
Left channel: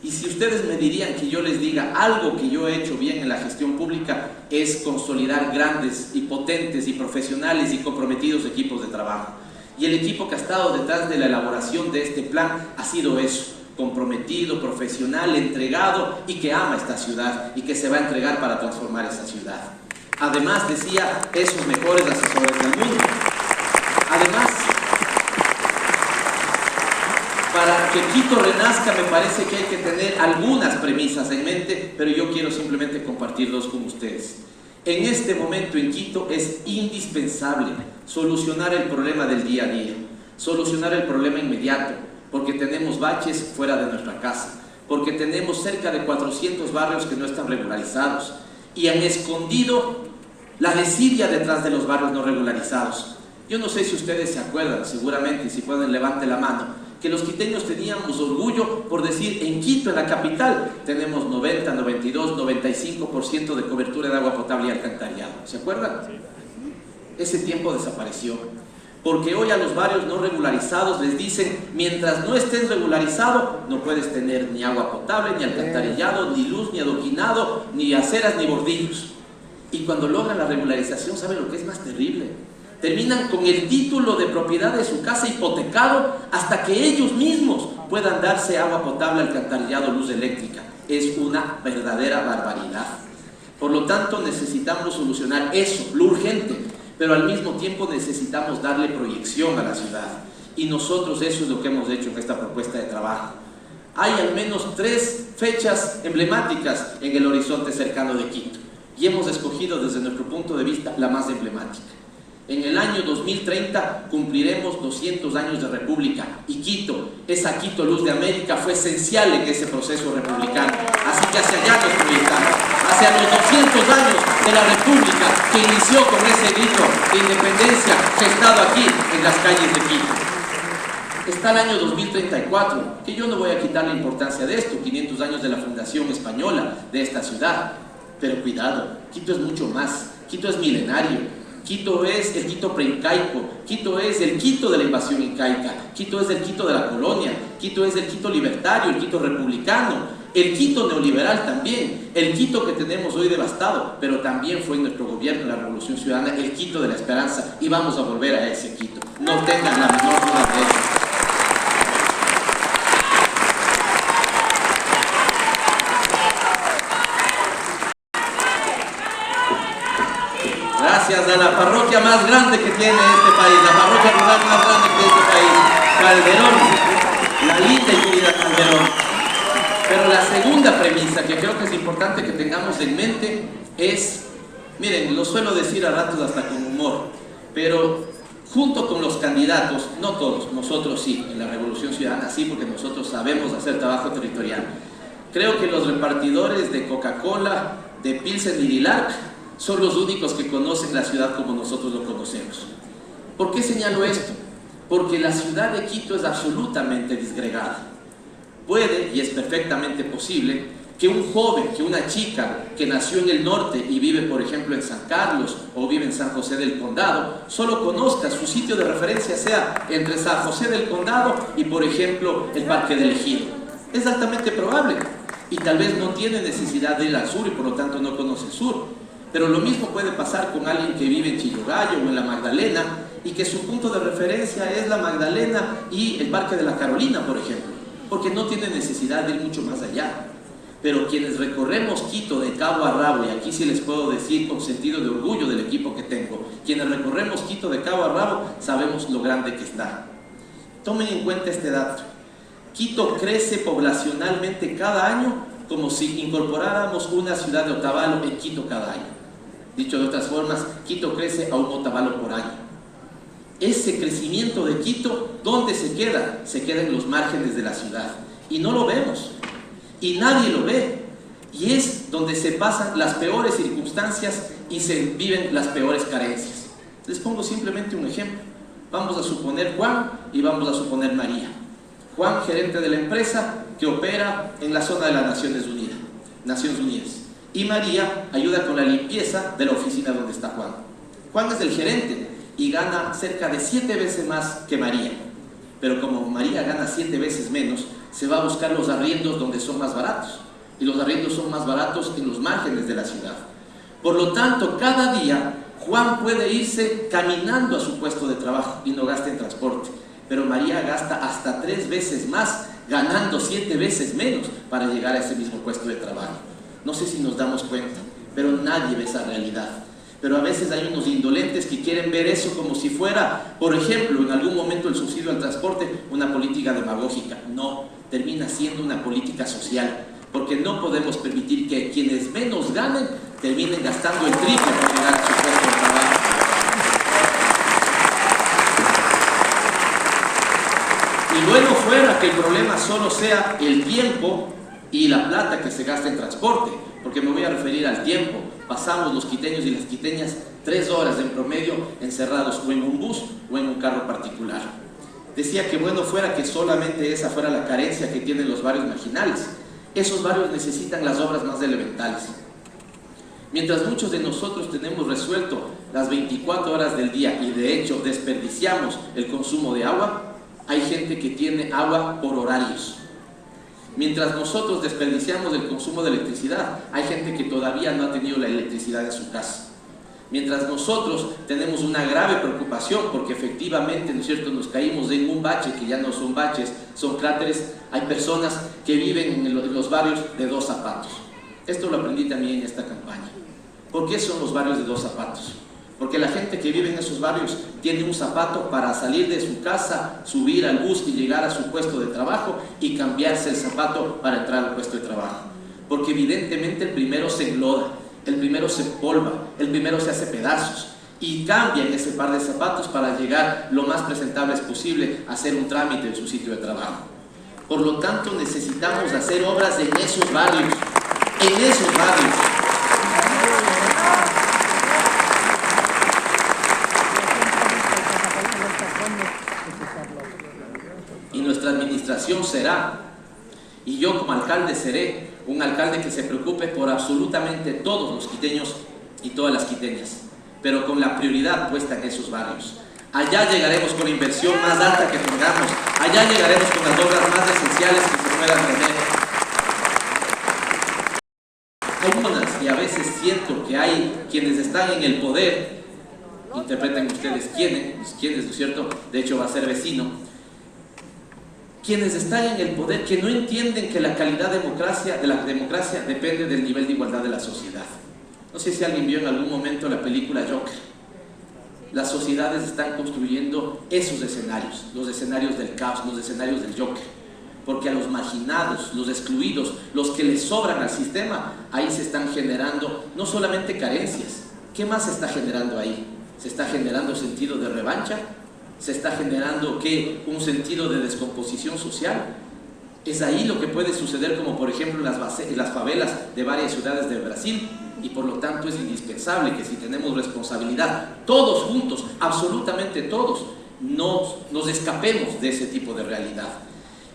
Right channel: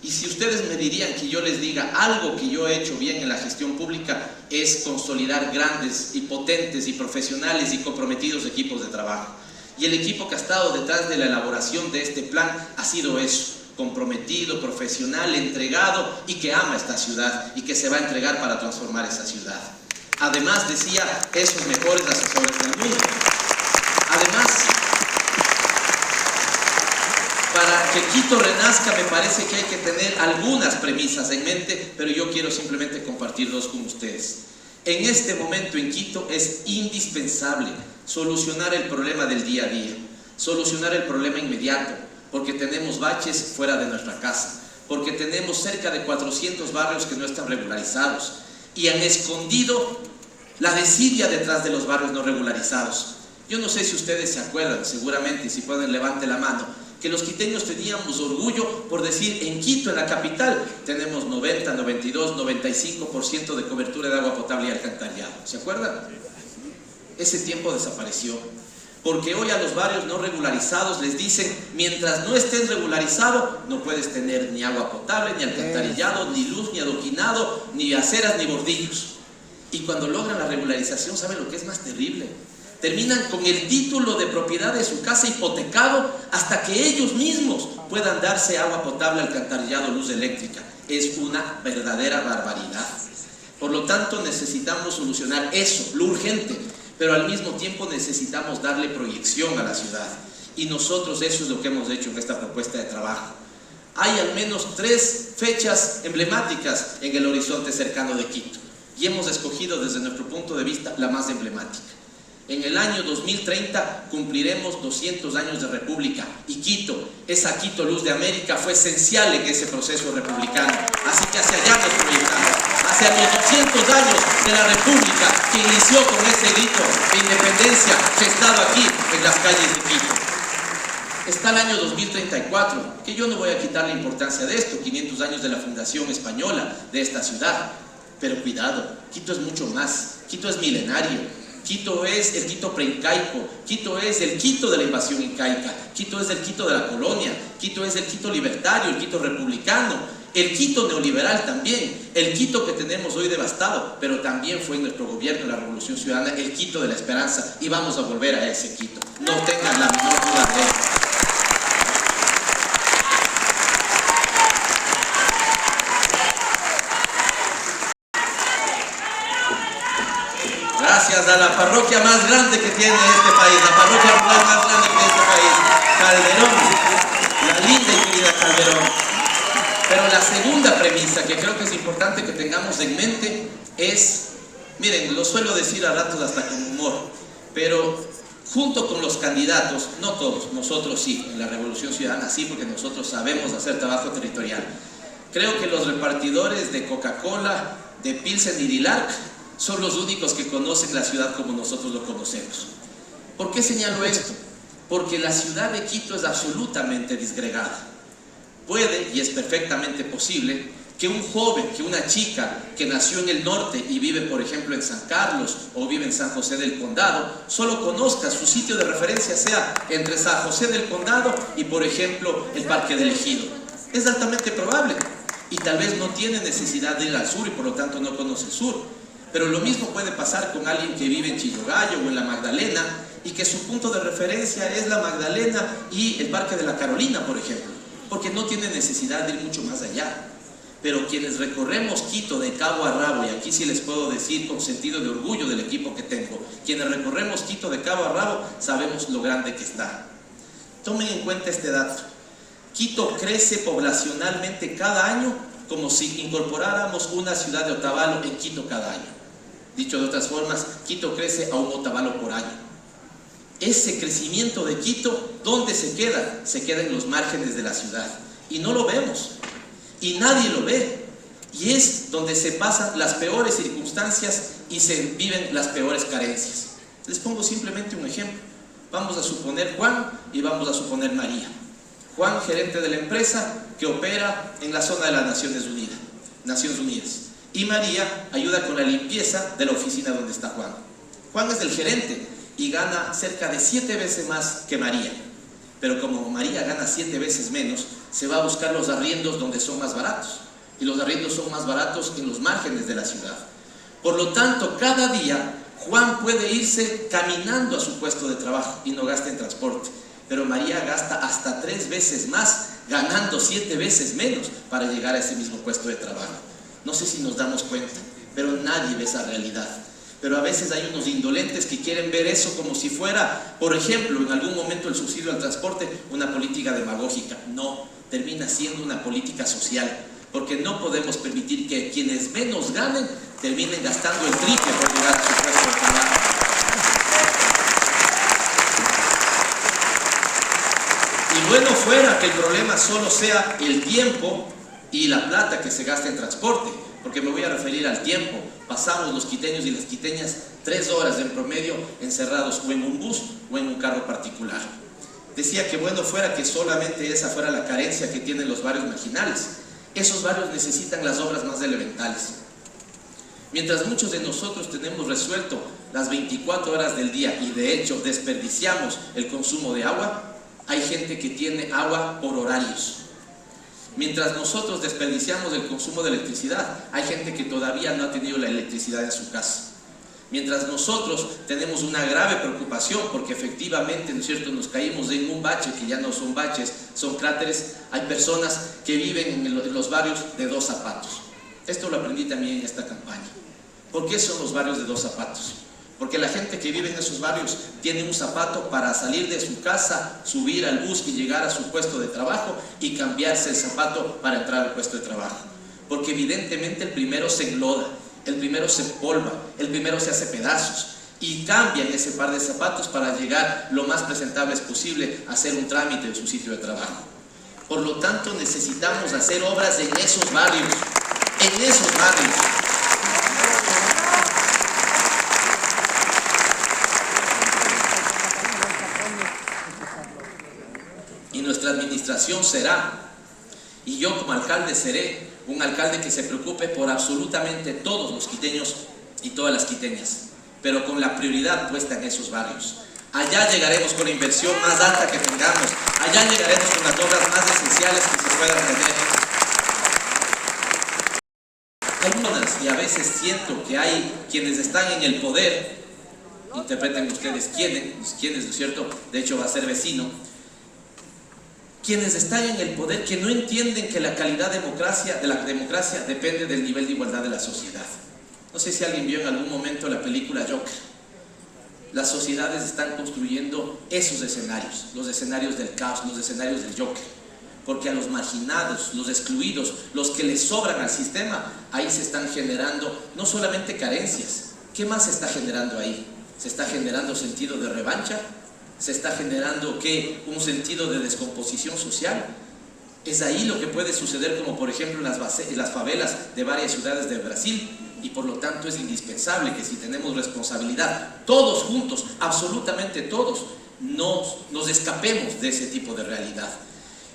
Y si ustedes me dirían que yo les diga algo que yo he hecho bien en la gestión pública, es consolidar grandes y potentes y profesionales y comprometidos equipos de trabajo. Y el equipo que ha estado detrás de la elaboración de este plan ha sido eso: comprometido, profesional, entregado y que ama esta ciudad y que se va a entregar para transformar esa ciudad. Además, decía, esos mejores asesores del mundo. Además, para que Quito renazca me parece que hay que tener algunas premisas en mente, pero yo quiero simplemente compartir dos con ustedes. En este momento en Quito es indispensable solucionar el problema del día a día, solucionar el problema inmediato, porque tenemos baches fuera de nuestra casa, porque tenemos cerca de 400 barrios que no están regularizados y han escondido la desidia detrás de los barrios no regularizados. Yo no sé si ustedes se acuerdan, seguramente, si pueden levante la mano, que los quiteños teníamos orgullo por decir, en Quito, en la capital, tenemos 90, 92, 95% de cobertura de agua potable y alcantarillado. ¿Se acuerdan? Ese tiempo desapareció, porque hoy a los barrios no regularizados les dicen, mientras no estés regularizado, no puedes tener ni agua potable, ni alcantarillado, ni luz, ni adoquinado, ni aceras, ni bordillos. Y cuando logran la regularización, ¿saben lo que es más terrible? Terminan con el título de propiedad de su casa hipotecado hasta que ellos mismos puedan darse agua potable, alcantarillado, luz eléctrica. Es una verdadera barbaridad. Por lo tanto, necesitamos solucionar eso, lo urgente, pero al mismo tiempo necesitamos darle proyección a la ciudad. Y nosotros eso es lo que hemos hecho en esta propuesta de trabajo. Hay al menos 3 fechas emblemáticas en el horizonte cercano de Quito, y hemos escogido desde nuestro punto de vista la más emblemática. En el año 2030 cumpliremos 200 años de república, y Quito, esa Quito Luz de América, fue esencial en ese proceso republicano. Así que hacia allá nos proyectamos, hacia los 200 años de la república que inició con ese grito de independencia gestado aquí en las calles de Quito. Está el año 2034, que yo no voy a quitar la importancia de esto, 500 años de la fundación española de esta ciudad. Pero cuidado, Quito es mucho más, Quito es milenario. Quito es el Quito preincaico, Quito es el Quito de la invasión incaica, Quito es el Quito de la colonia, Quito es el Quito libertario, el Quito republicano, el Quito neoliberal también, el Quito que tenemos hoy devastado, pero también fue nuestro gobierno, la Revolución Ciudadana, el Quito de la esperanza, y vamos a volver a ese Quito, no tengan la menor duda de eso. Gracias a la parroquia más grande que tiene este país, la parroquia rural más grande que este país, Calderón, la linda y querida Calderón. Pero la segunda premisa que creo que es importante que tengamos en mente es, miren, lo suelo decir a ratos hasta con humor, pero junto con los candidatos, no todos, nosotros sí, en la Revolución Ciudadana sí, porque nosotros sabemos hacer trabajo territorial. Creo que los repartidores de Coca-Cola, de Pilsen y Dilac son los únicos que conocen la ciudad como nosotros lo conocemos. ¿Por qué señalo esto? Porque la ciudad de Quito es absolutamente disgregada. Puede, y es perfectamente posible, que un joven, que una chica que nació en el norte y vive, por ejemplo, en San Carlos o vive en San José del Condado, solo conozca, su sitio de referencia sea entre San José del Condado y, por ejemplo, el Parque del Ejido. Es altamente probable. Y tal vez no tiene necesidad de ir al sur y por lo tanto no conoce el sur. Pero lo mismo puede pasar con alguien que vive en Chillogallo o en la Magdalena y que su punto de referencia es la Magdalena y el Parque de la Carolina, por ejemplo, porque no tiene necesidad de ir mucho más allá. Pero quienes recorremos Quito de cabo a rabo, y aquí sí les puedo decir con sentido de orgullo del equipo que tengo, quienes recorremos Quito de cabo a rabo sabemos lo grande que está. Tomen en cuenta este dato: Quito crece poblacionalmente cada año como si incorporáramos una ciudad de Otavalo en Quito cada año. Dicho de otras formas, Quito crece a un Otavalo por año. Ese crecimiento de Quito, ¿dónde se queda? Se queda en los márgenes de la ciudad. Y no lo vemos. Y nadie lo ve. Y es donde se pasan las peores circunstancias y se viven las peores carencias. Les pongo simplemente un ejemplo. Vamos a suponer Juan y vamos a suponer María. Juan, gerente de la empresa que opera en la zona de las Naciones Unidas. Y María ayuda con la limpieza de la oficina donde está Juan. Juan es el gerente y gana cerca de 7 veces más que María. Pero como María gana 7 veces menos, se va a buscar los arriendos donde son más baratos, y los arriendos son más baratos en los márgenes de la ciudad. Por lo tanto, cada día Juan puede irse caminando a su puesto de trabajo y no gasta en transporte, pero María gasta hasta 3 veces más, ganando 7 veces menos para llegar a ese mismo puesto de trabajo. No sé si nos damos cuenta, pero nadie ve esa realidad. Pero a veces hay unos indolentes que quieren ver eso como si fuera, por ejemplo, en algún momento el subsidio al transporte, una política demagógica. No, termina siendo una política social, porque no podemos permitir que quienes menos ganen terminen gastando el triple por llegar a su puesto de trabajo. Y bueno fuera que el problema solo sea el tiempo y la plata que se gasta en transporte, porque me voy a referir al tiempo. Pasamos los quiteños y las quiteñas 3 horas en promedio encerrados o en un bus o en un carro particular. Decía que bueno fuera que solamente esa fuera la carencia que tienen los barrios marginales. Esos barrios necesitan las obras más elementales. Mientras muchos de nosotros tenemos resuelto las 24 horas del día y de hecho desperdiciamos el consumo de agua, hay gente que tiene agua por horarios. Mientras nosotros desperdiciamos el consumo de electricidad, hay gente que todavía no ha tenido la electricidad en su casa. Mientras nosotros tenemos una grave preocupación porque efectivamente, ¿no es cierto?, nos caímos en un bache que ya no son baches, son cráteres, hay personas que viven en los barrios de 2 zapatos. Esto lo aprendí también en esta campaña. ¿Por qué son los barrios de 2 zapatos? Porque la gente que vive en esos barrios tiene un zapato para salir de su casa, subir al bus y llegar a su puesto de trabajo y cambiarse el zapato para entrar al puesto de trabajo. Porque evidentemente el primero se engloda, el primero se empolva, el primero se hace pedazos y cambian ese par de zapatos para llegar lo más presentables posible a hacer un trámite en su sitio de trabajo. Por lo tanto, necesitamos hacer obras en esos barrios, en esos barrios. Y nuestra administración será, y yo como alcalde seré, un alcalde que se preocupe por absolutamente todos los quiteños y todas las quiteñas, pero con la prioridad puesta en esos barrios. Allá llegaremos con la inversión más alta que tengamos, allá llegaremos con las obras más esenciales que se puedan tener. Algunas, y a veces siento que hay quienes están en el poder, interpreten ustedes quiénes, ¿no es cierto? De hecho va a ser vecino. Quienes están en el poder que no entienden que la calidad de la democracia depende del nivel de igualdad de la sociedad. No sé si alguien vio en algún momento la película Joker. Las sociedades están construyendo esos escenarios, los escenarios del caos, los escenarios del Joker. Porque a los marginados, los excluidos, los que les sobran al sistema, ahí se están generando no solamente carencias. ¿Qué más se está generando ahí? ¿Se está generando sentido de revancha? ¿Se está generando qué? Un sentido de descomposición social. Es ahí lo que puede suceder, como por ejemplo en las favelas de varias ciudades de Brasil, y por lo tanto es indispensable que si tenemos responsabilidad, todos juntos, absolutamente todos, nos escapemos de ese tipo de realidad.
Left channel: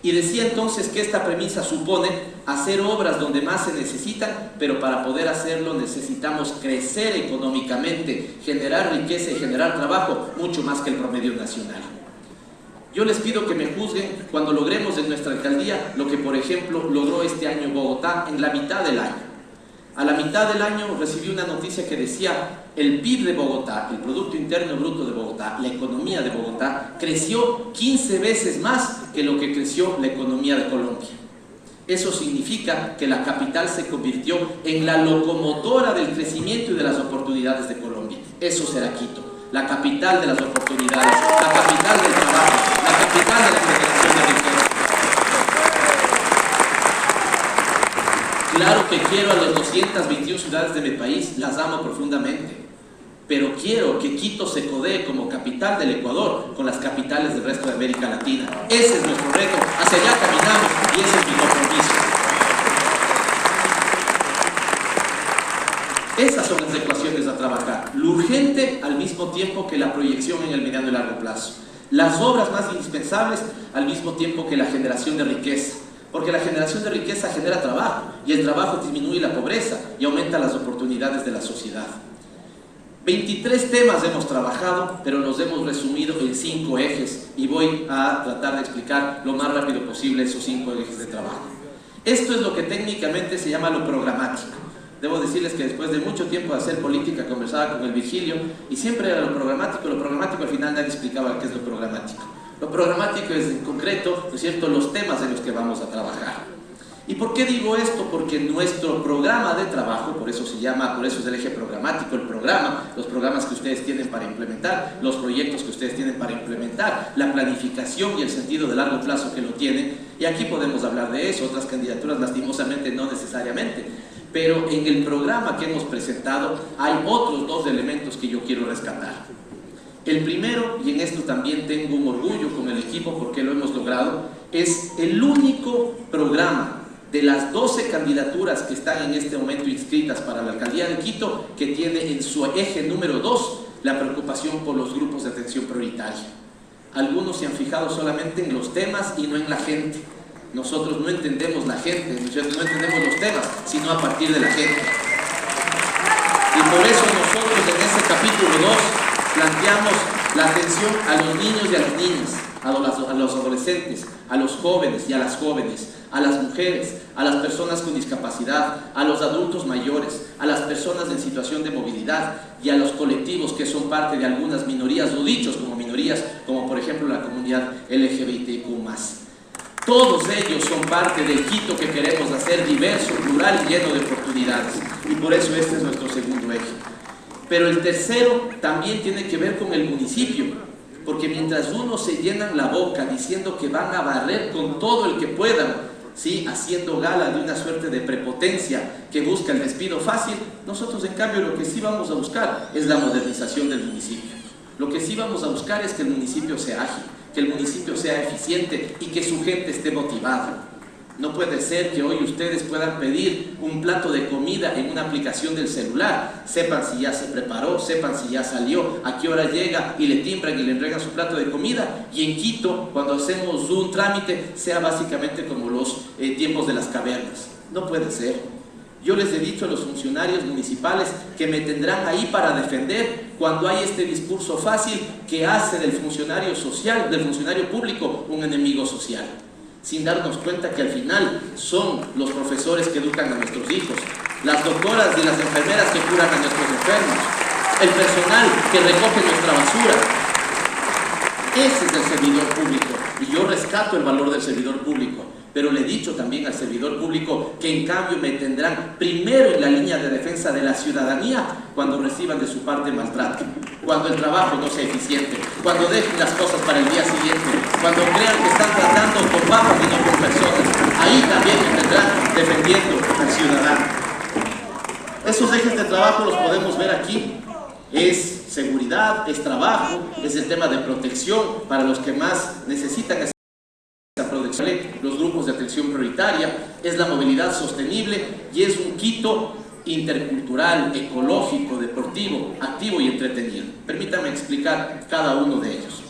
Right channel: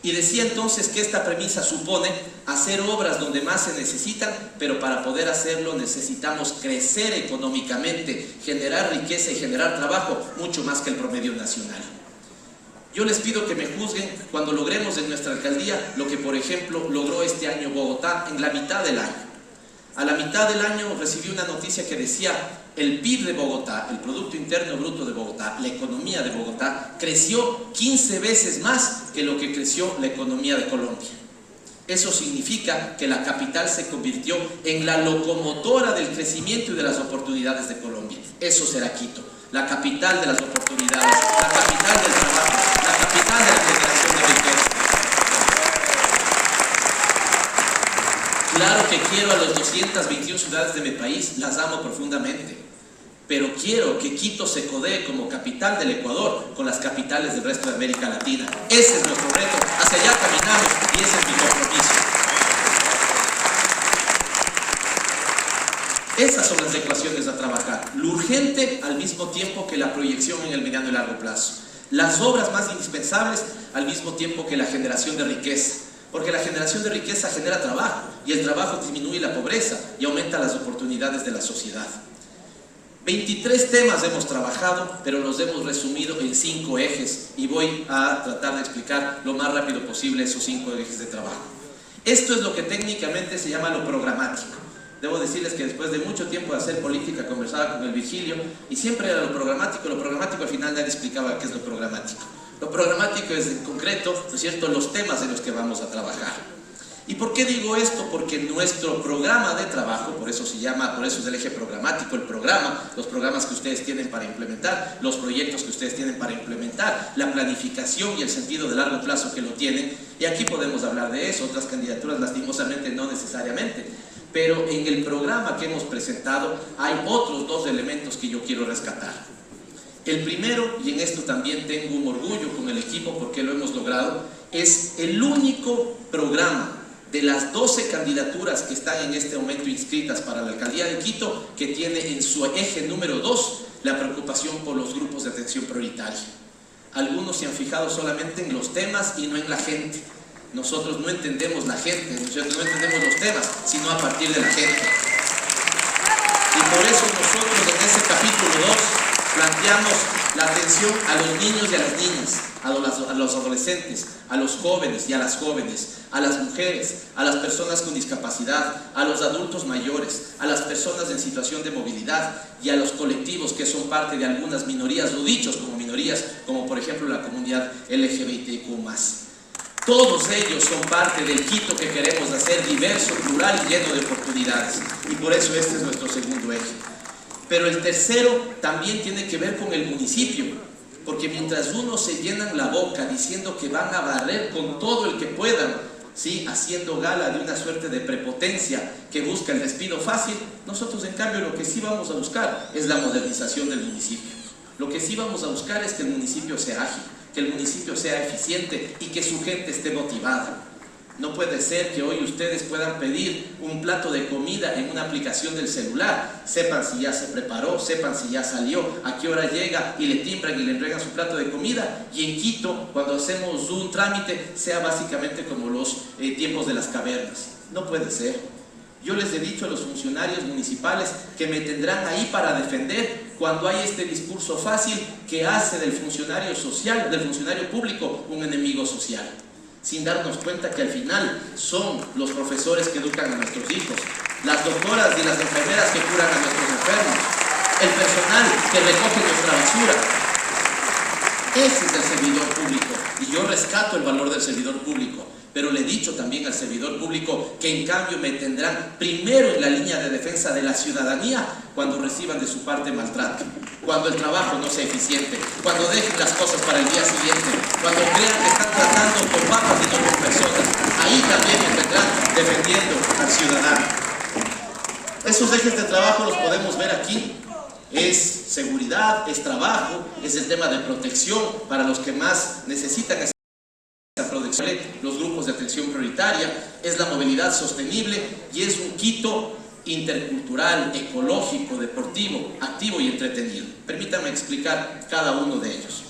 Y decía entonces que esta premisa supone hacer obras donde más se necesitan, pero para poder hacerlo necesitamos crecer económicamente, generar riqueza y generar trabajo mucho más que el promedio nacional. Yo les pido que me juzguen cuando logremos en nuestra alcaldía lo que por ejemplo logró este año Bogotá en la mitad del año. A la mitad del año recibí una noticia que decía el PIB de Bogotá, el Producto Interno Bruto de Bogotá, la economía de Bogotá, creció 15 veces más que lo que creció la economía de Colombia. Eso significa que la capital se convirtió en la locomotora del crecimiento y de las oportunidades de Colombia. Eso será Quito, la capital de las oportunidades, la capital del trabajo, la capital de la generación de riqueza. Claro que quiero a las 221 ciudades de mi país, las amo profundamente, pero quiero que Quito se codee como capital del Ecuador con las capitales del resto de América Latina. Ese es nuestro reto, hacia allá caminamos y ese es mi compromiso. Esas son las ecuaciones a trabajar, lo urgente al mismo tiempo que la proyección en el mediano y largo plazo, las obras más indispensables al mismo tiempo que la generación de riqueza. Porque la generación de riqueza genera trabajo y el trabajo disminuye la pobreza y aumenta las oportunidades de la sociedad. 23 temas hemos trabajado, pero los hemos resumido en 5 ejes y voy a tratar de explicar lo más rápido posible esos 5 ejes de trabajo. Esto es lo que técnicamente se llama lo programático. Debo decirles que después de mucho tiempo de hacer política conversaba con el Virgilio y siempre era lo programático al final nadie explicaba qué es lo programático. Lo programático es en concreto, ¿no es cierto?, los temas en los que vamos a trabajar. ¿Y por qué digo esto? Porque nuestro programa de trabajo, por eso es el eje programático, el programa, los programas que ustedes tienen para implementar, los proyectos que ustedes tienen para implementar, la planificación y el sentido de largo plazo que lo tienen, y aquí podemos hablar de eso, otras candidaturas lastimosamente no necesariamente, pero en el programa que hemos presentado hay otros 2 elementos que yo quiero rescatar. El primero, y en esto también tengo un orgullo con el equipo porque lo hemos logrado, es el único programa de las 12 candidaturas que están en este momento inscritas para la alcaldía de Quito, que tiene en su eje número 2 la preocupación por los grupos de atención prioritaria. Algunos se han fijado solamente en los temas y no en la gente. Nosotros no entendemos la gente, no entendemos los temas, sino a partir de la gente. Y por eso nosotros en ese capítulo 2 planteamos la atención a los niños y a las niñas, a los adolescentes, a los jóvenes y a las jóvenes, a las mujeres, a las personas con discapacidad, a los adultos mayores, a las personas en situación de movilidad y a los colectivos que son parte de algunas minorías, o dichos como minorías, como por ejemplo la comunidad LGBTQ+. Todos ellos son parte del Quito que queremos hacer diverso, plural y lleno de oportunidades. Y por eso este es nuestro segundo eje. Pero el tercero también tiene que ver con el municipio, porque mientras unos se llenan la boca diciendo que van a barrer con todo el que puedan, ¿sí?, haciendo gala de una suerte de prepotencia que busca el despido fácil, nosotros en cambio lo que sí vamos a buscar es la modernización del municipio. Lo que sí vamos a buscar es que el municipio sea ágil, que el municipio sea eficiente y que su gente esté motivada. No puede ser que hoy ustedes puedan pedir un plato de comida en una aplicación del celular, sepan si ya se preparó, sepan si ya salió, a qué hora llega y le timbran y le entregan su plato de comida, y en Quito cuando hacemos un trámite sea básicamente como los tiempos de las cavernas. No puede ser. Yo les he dicho a los funcionarios municipales que me tendrán ahí para defender cuando hay este discurso fácil que hace del funcionario social, del funcionario público, un enemigo social, sin darnos cuenta que al final son los profesores que educan a nuestros hijos, las doctoras y las enfermeras que curan a nuestros enfermos, el personal que recoge nuestra basura. Ese es el servidor público, y yo rescato el valor del servidor público, pero le he dicho también al servidor público que en cambio me tendrán primero en la línea de defensa de la ciudadanía cuando reciban de su parte maltrato, cuando el trabajo no sea eficiente, cuando dejen las cosas para el día siguiente, cuando crean que están tratando con papas y no con personas. Ahí también me tendrán defendiendo al ciudadano. Esos ejes de trabajo los podemos ver aquí. Es seguridad, es trabajo, es el tema de protección para los que más necesitan esa protección, los grupos de atención prioritaria, es la movilidad sostenible y es un Quito intercultural, ecológico, deportivo, activo y entretenido. Permítanme explicar cada uno de ellos.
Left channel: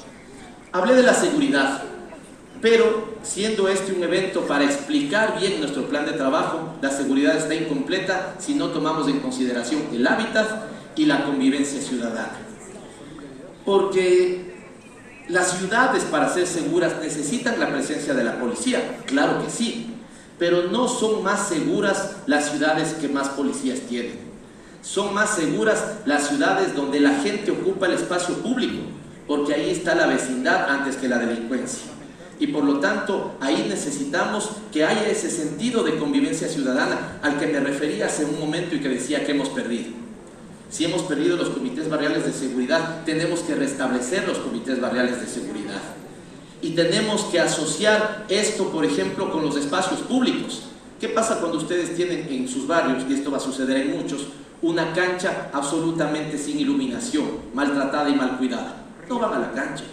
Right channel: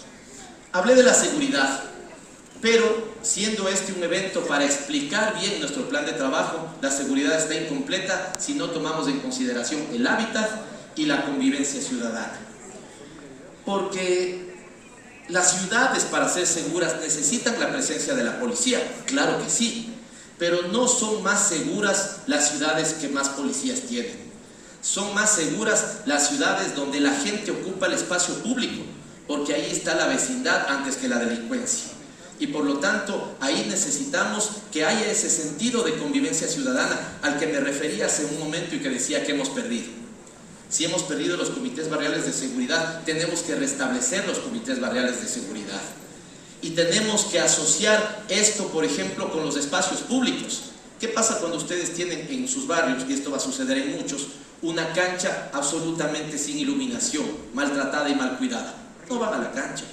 Hablé de la seguridad, pero siendo este un evento para explicar bien nuestro plan de trabajo, la seguridad está incompleta si no tomamos en consideración el hábitat y la convivencia ciudadana. Porque las ciudades, para ser seguras, necesitan la presencia de la policía, claro que sí, pero no son más seguras las ciudades que más policías tienen. Son más seguras las ciudades donde la gente ocupa el espacio público, porque ahí está la vecindad antes que la delincuencia. Y por lo tanto, ahí necesitamos que haya ese sentido de convivencia ciudadana al que me refería hace un momento y que decía que hemos perdido. Si hemos perdido los comités barriales de seguridad, tenemos que restablecer los comités barriales de seguridad. Y tenemos que asociar esto, por ejemplo, con los espacios públicos. ¿Qué pasa cuando ustedes tienen en sus barrios, y esto va a suceder en muchos, una cancha absolutamente sin iluminación, maltratada y mal cuidada? No van a la cancha.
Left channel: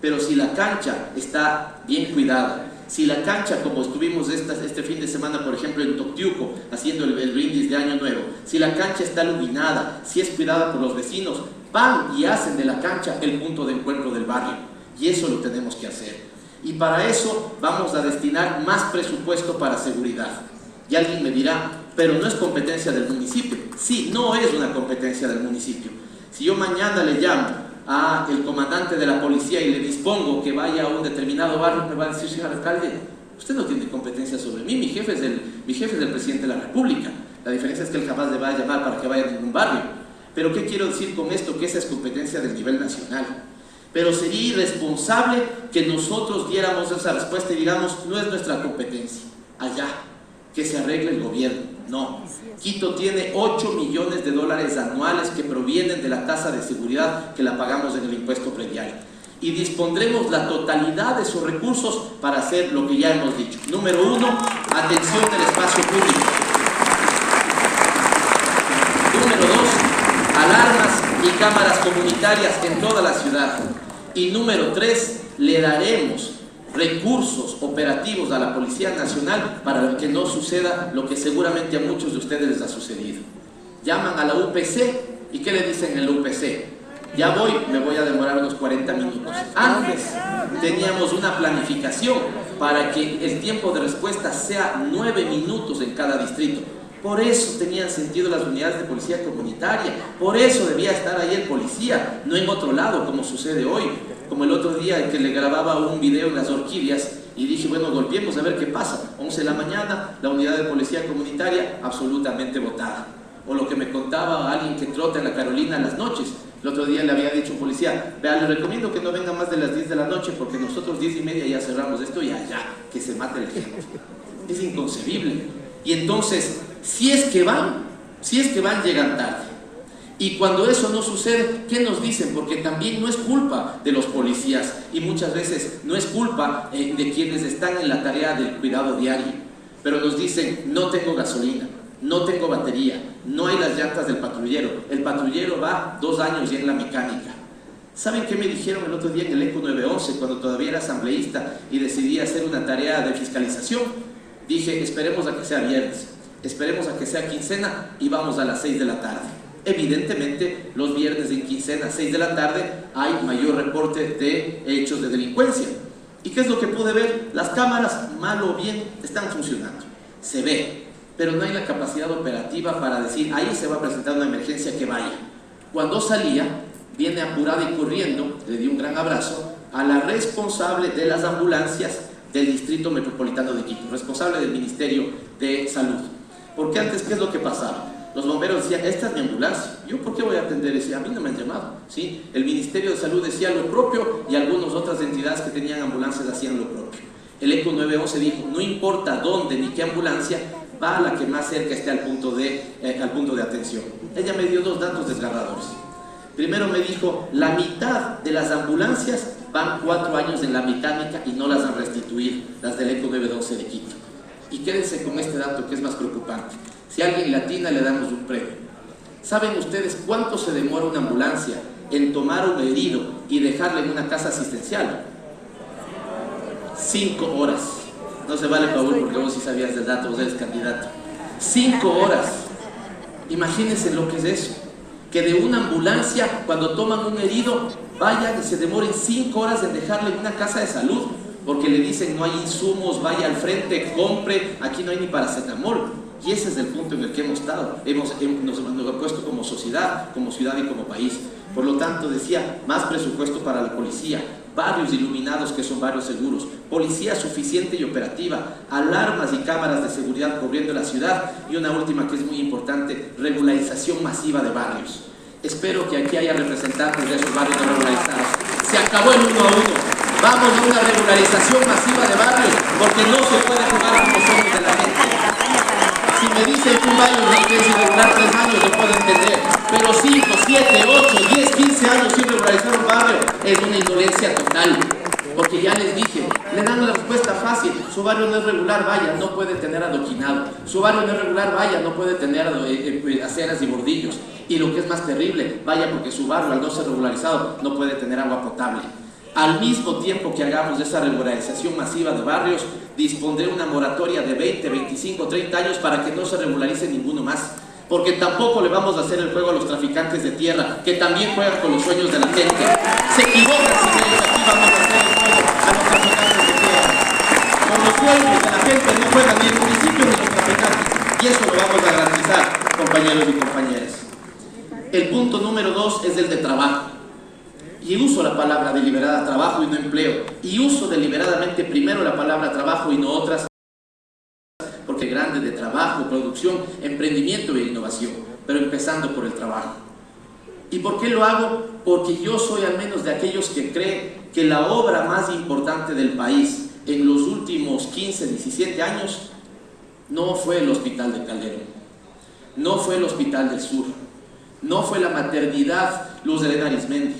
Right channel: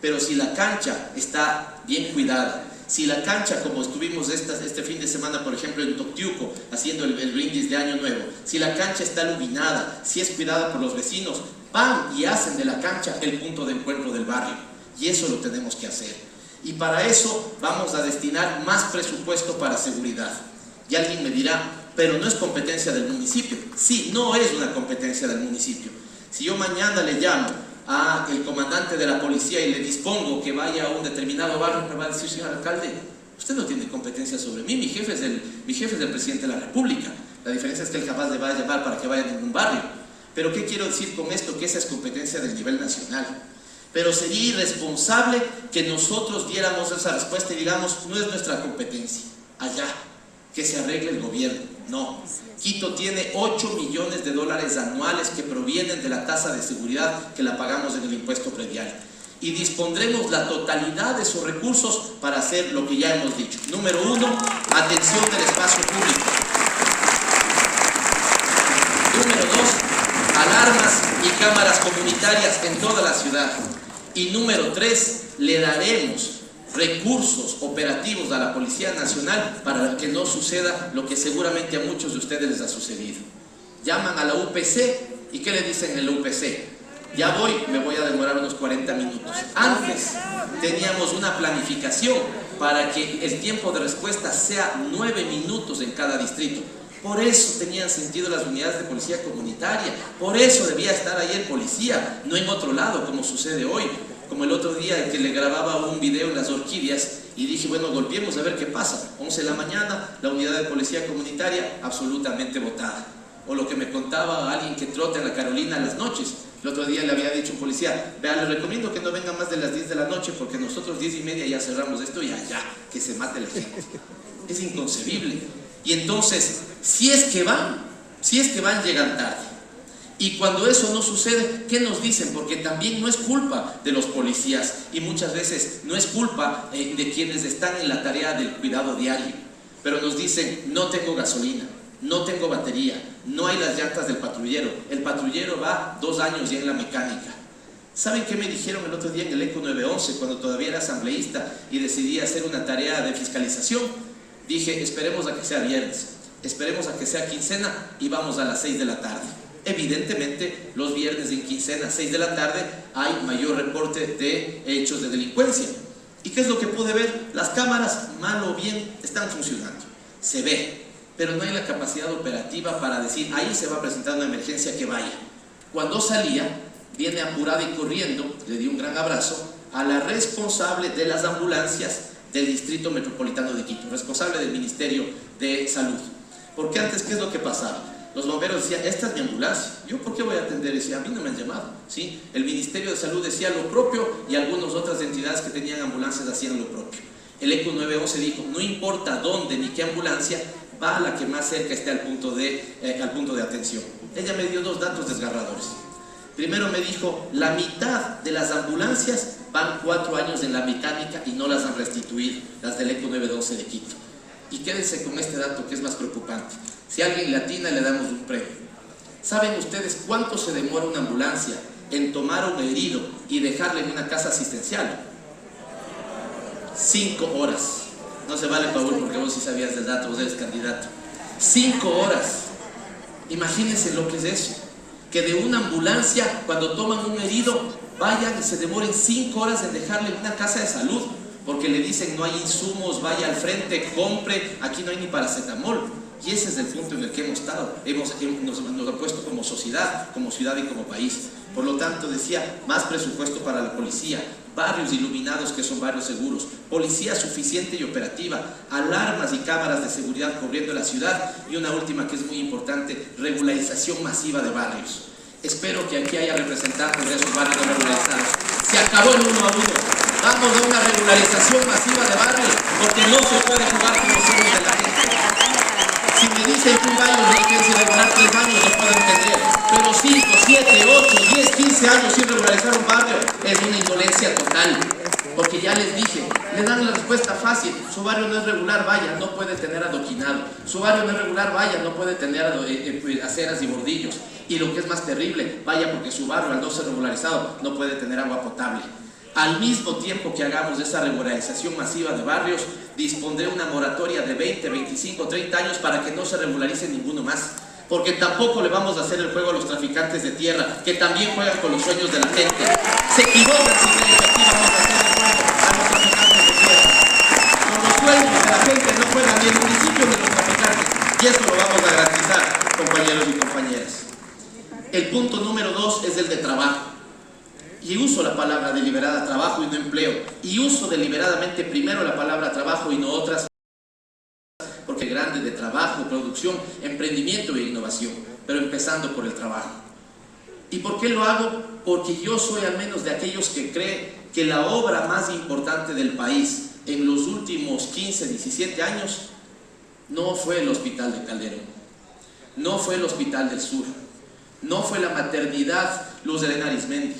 Pero si la cancha está bien cuidada, si la cancha, como estuvimos este fin de semana, por ejemplo, en Toctiuco, haciendo el brindis de Año Nuevo, si la cancha está iluminada, si es cuidada por los vecinos, van y hacen de la cancha el punto de encuentro del barrio. Y eso lo tenemos que hacer. Y para eso vamos a destinar más presupuesto para seguridad. Y alguien me dirá, pero no es competencia del municipio. Sí, no es una competencia del municipio. Si yo mañana le llamo al comandante de la policía y le dispongo que vaya a un determinado barrio, me va a decir: señor alcalde, usted no tiene competencia sobre mí, mi jefe es el presidente de la República. La diferencia es que él jamás le va a llamar para que vaya a ningún barrio. Pero ¿qué quiero decir con esto? Que esa es competencia del nivel nacional. Pero sería irresponsable que nosotros diéramos esa respuesta y digamos: no es nuestra competencia, allá, que se arregle el gobierno. No, Quito tiene 8 millones de dólares anuales que provienen de la tasa de seguridad que la pagamos en el impuesto predial. Y dispondremos la totalidad de sus recursos para hacer lo que ya hemos dicho. Número 1, atención del espacio público. Número 2, alarmas y cámaras comunitarias en toda la ciudad. Y número 3, le daremos recursos operativos a la Policía Nacional para que no suceda lo que seguramente a muchos de ustedes les ha sucedido. Llaman a la UPC y ¿qué le dicen en la UPC? Ya voy, me voy a demorar unos 40 minutos. Antes teníamos una planificación para que el tiempo de respuesta sea 9 minutos en cada distrito. Por eso tenían sentido las unidades de policía comunitaria, por eso debía estar ahí el policía, no en otro lado como sucede hoy. Como el otro día que le grababa un video en las orquídeas y dije: bueno, golpeemos a ver qué pasa. 11 de la mañana, la unidad de policía comunitaria absolutamente botada. O lo que me contaba alguien que trota en la Carolina en las noches. El otro día le había dicho a un policía: vea, le recomiendo que no venga más de las 10 de la noche porque nosotros 10:30 ya cerramos esto y allá, que se mate la gente. Es inconcebible. Y entonces, si es que van, llegan tarde. Y cuando eso no sucede, ¿qué nos dicen? Porque también no es culpa de los policías y muchas veces no es culpa de quienes están en la tarea del cuidado diario. Pero nos dicen: no tengo gasolina, no tengo batería, no hay las llantas del patrullero. El patrullero va 2 años ya en la mecánica. ¿Saben qué me dijeron el otro día en el ECO 911 cuando todavía era asambleísta y decidí hacer una tarea de fiscalización? Dije: esperemos a que sea viernes, esperemos a que sea quincena y vamos a las 6 de la tarde. Evidentemente, los viernes en quincena, 6 de la tarde, hay mayor reporte de hechos de delincuencia. ¿Y qué es lo que pude ver? Las cámaras, mal o bien, están funcionando. Se ve, pero no hay la capacidad operativa para decir: ahí se va a presentar una emergencia, que vaya. Cuando salía, viene apurada y corriendo, le di un gran abrazo a la responsable de las ambulancias del Distrito Metropolitano de Quito, responsable del Ministerio de Salud. Porque antes, ¿qué es lo que pasaba? Los bomberos decían: esta es mi ambulancia, ¿yo por qué voy a atender? Decía: a mí no me han llamado, ¿sí? El Ministerio de Salud decía lo propio y algunas otras entidades que tenían ambulancias hacían lo propio. El ECO 911 dijo: no importa dónde ni qué ambulancia, va a la que más cerca esté al punto de atención. Ella me dio 2 datos desgarradores. Primero me dijo: la mitad de las ambulancias van 4 años en la mecánica y no las han restituido, las del ECO 911 de Quito. Y quédense con este dato que es más preocupante. Si alguien latina, le damos un premio. ¿Saben ustedes cuánto se demora una ambulancia en tomar un herido y dejarle en una casa asistencial? 5 horas. No se vale, Paul, porque vos sí sabías del dato, vos eres candidato. 5 horas. Imagínense lo que es eso. Que de una ambulancia, cuando toman un herido, vayan y se demoren 5 horas en dejarle en una casa de salud. Porque le dicen: no hay insumos, vaya al frente, compre, aquí no hay ni paracetamol. Y ese es el punto en el que hemos estado, nos hemos puesto como sociedad, como ciudad y como país. Por lo tanto, decía: más presupuesto para la policía, barrios iluminados que son barrios seguros, policía suficiente y operativa, alarmas y cámaras de seguridad cubriendo la ciudad, y una última que es muy importante: regularización masiva de barrios. Espero que aquí haya representantes de esos barrios no regularizados. Se acabó el 1 a 1. Vamos a una regularización masiva de barrios, porque no se puede jugar como somos de la gente. Si me dicen que un baño no tiene que durar 3 años, yo puedo entender. Pero 5, 7, 8, 10, 15 años sin regularizar un barrio es una indolencia total. Porque ya les dije, le dan la respuesta fácil: su barrio no es regular, vaya, no puede tener adoquinado. Su barrio no es regular, vaya, no puede tener aceras y bordillos. Y lo que es más terrible, vaya, porque su barrio, al no ser regularizado, no puede tener agua potable. Al mismo tiempo que hagamos esa regularización masiva de barrios, dispondré una moratoria de 20, 25, 30 años para que no se regularice ninguno más. Porque tampoco le vamos a hacer el juego a los traficantes de tierra, que también juegan con los sueños de la gente. Se equivocan si aquí vamos a hacer el juego a los traficantes de tierra. Con los sueños de la gente no juegan ni el municipio ni los traficantes. Y eso lo vamos a garantizar, compañeros y compañeras. El punto número 2 es el de trabajo. Y uso la palabra deliberada trabajo y no empleo. Y uso deliberadamente primero la palabra trabajo y no otras, porque es grande de trabajo, producción, emprendimiento e innovación, pero empezando por el trabajo. ¿Y por qué lo hago? Porque yo soy al menos de aquellos que creen que la obra más importante del país en los últimos 15, 17 años no fue el Hospital de Calderón, no fue el Hospital del Sur, no fue la maternidad Luz de Arizmendi,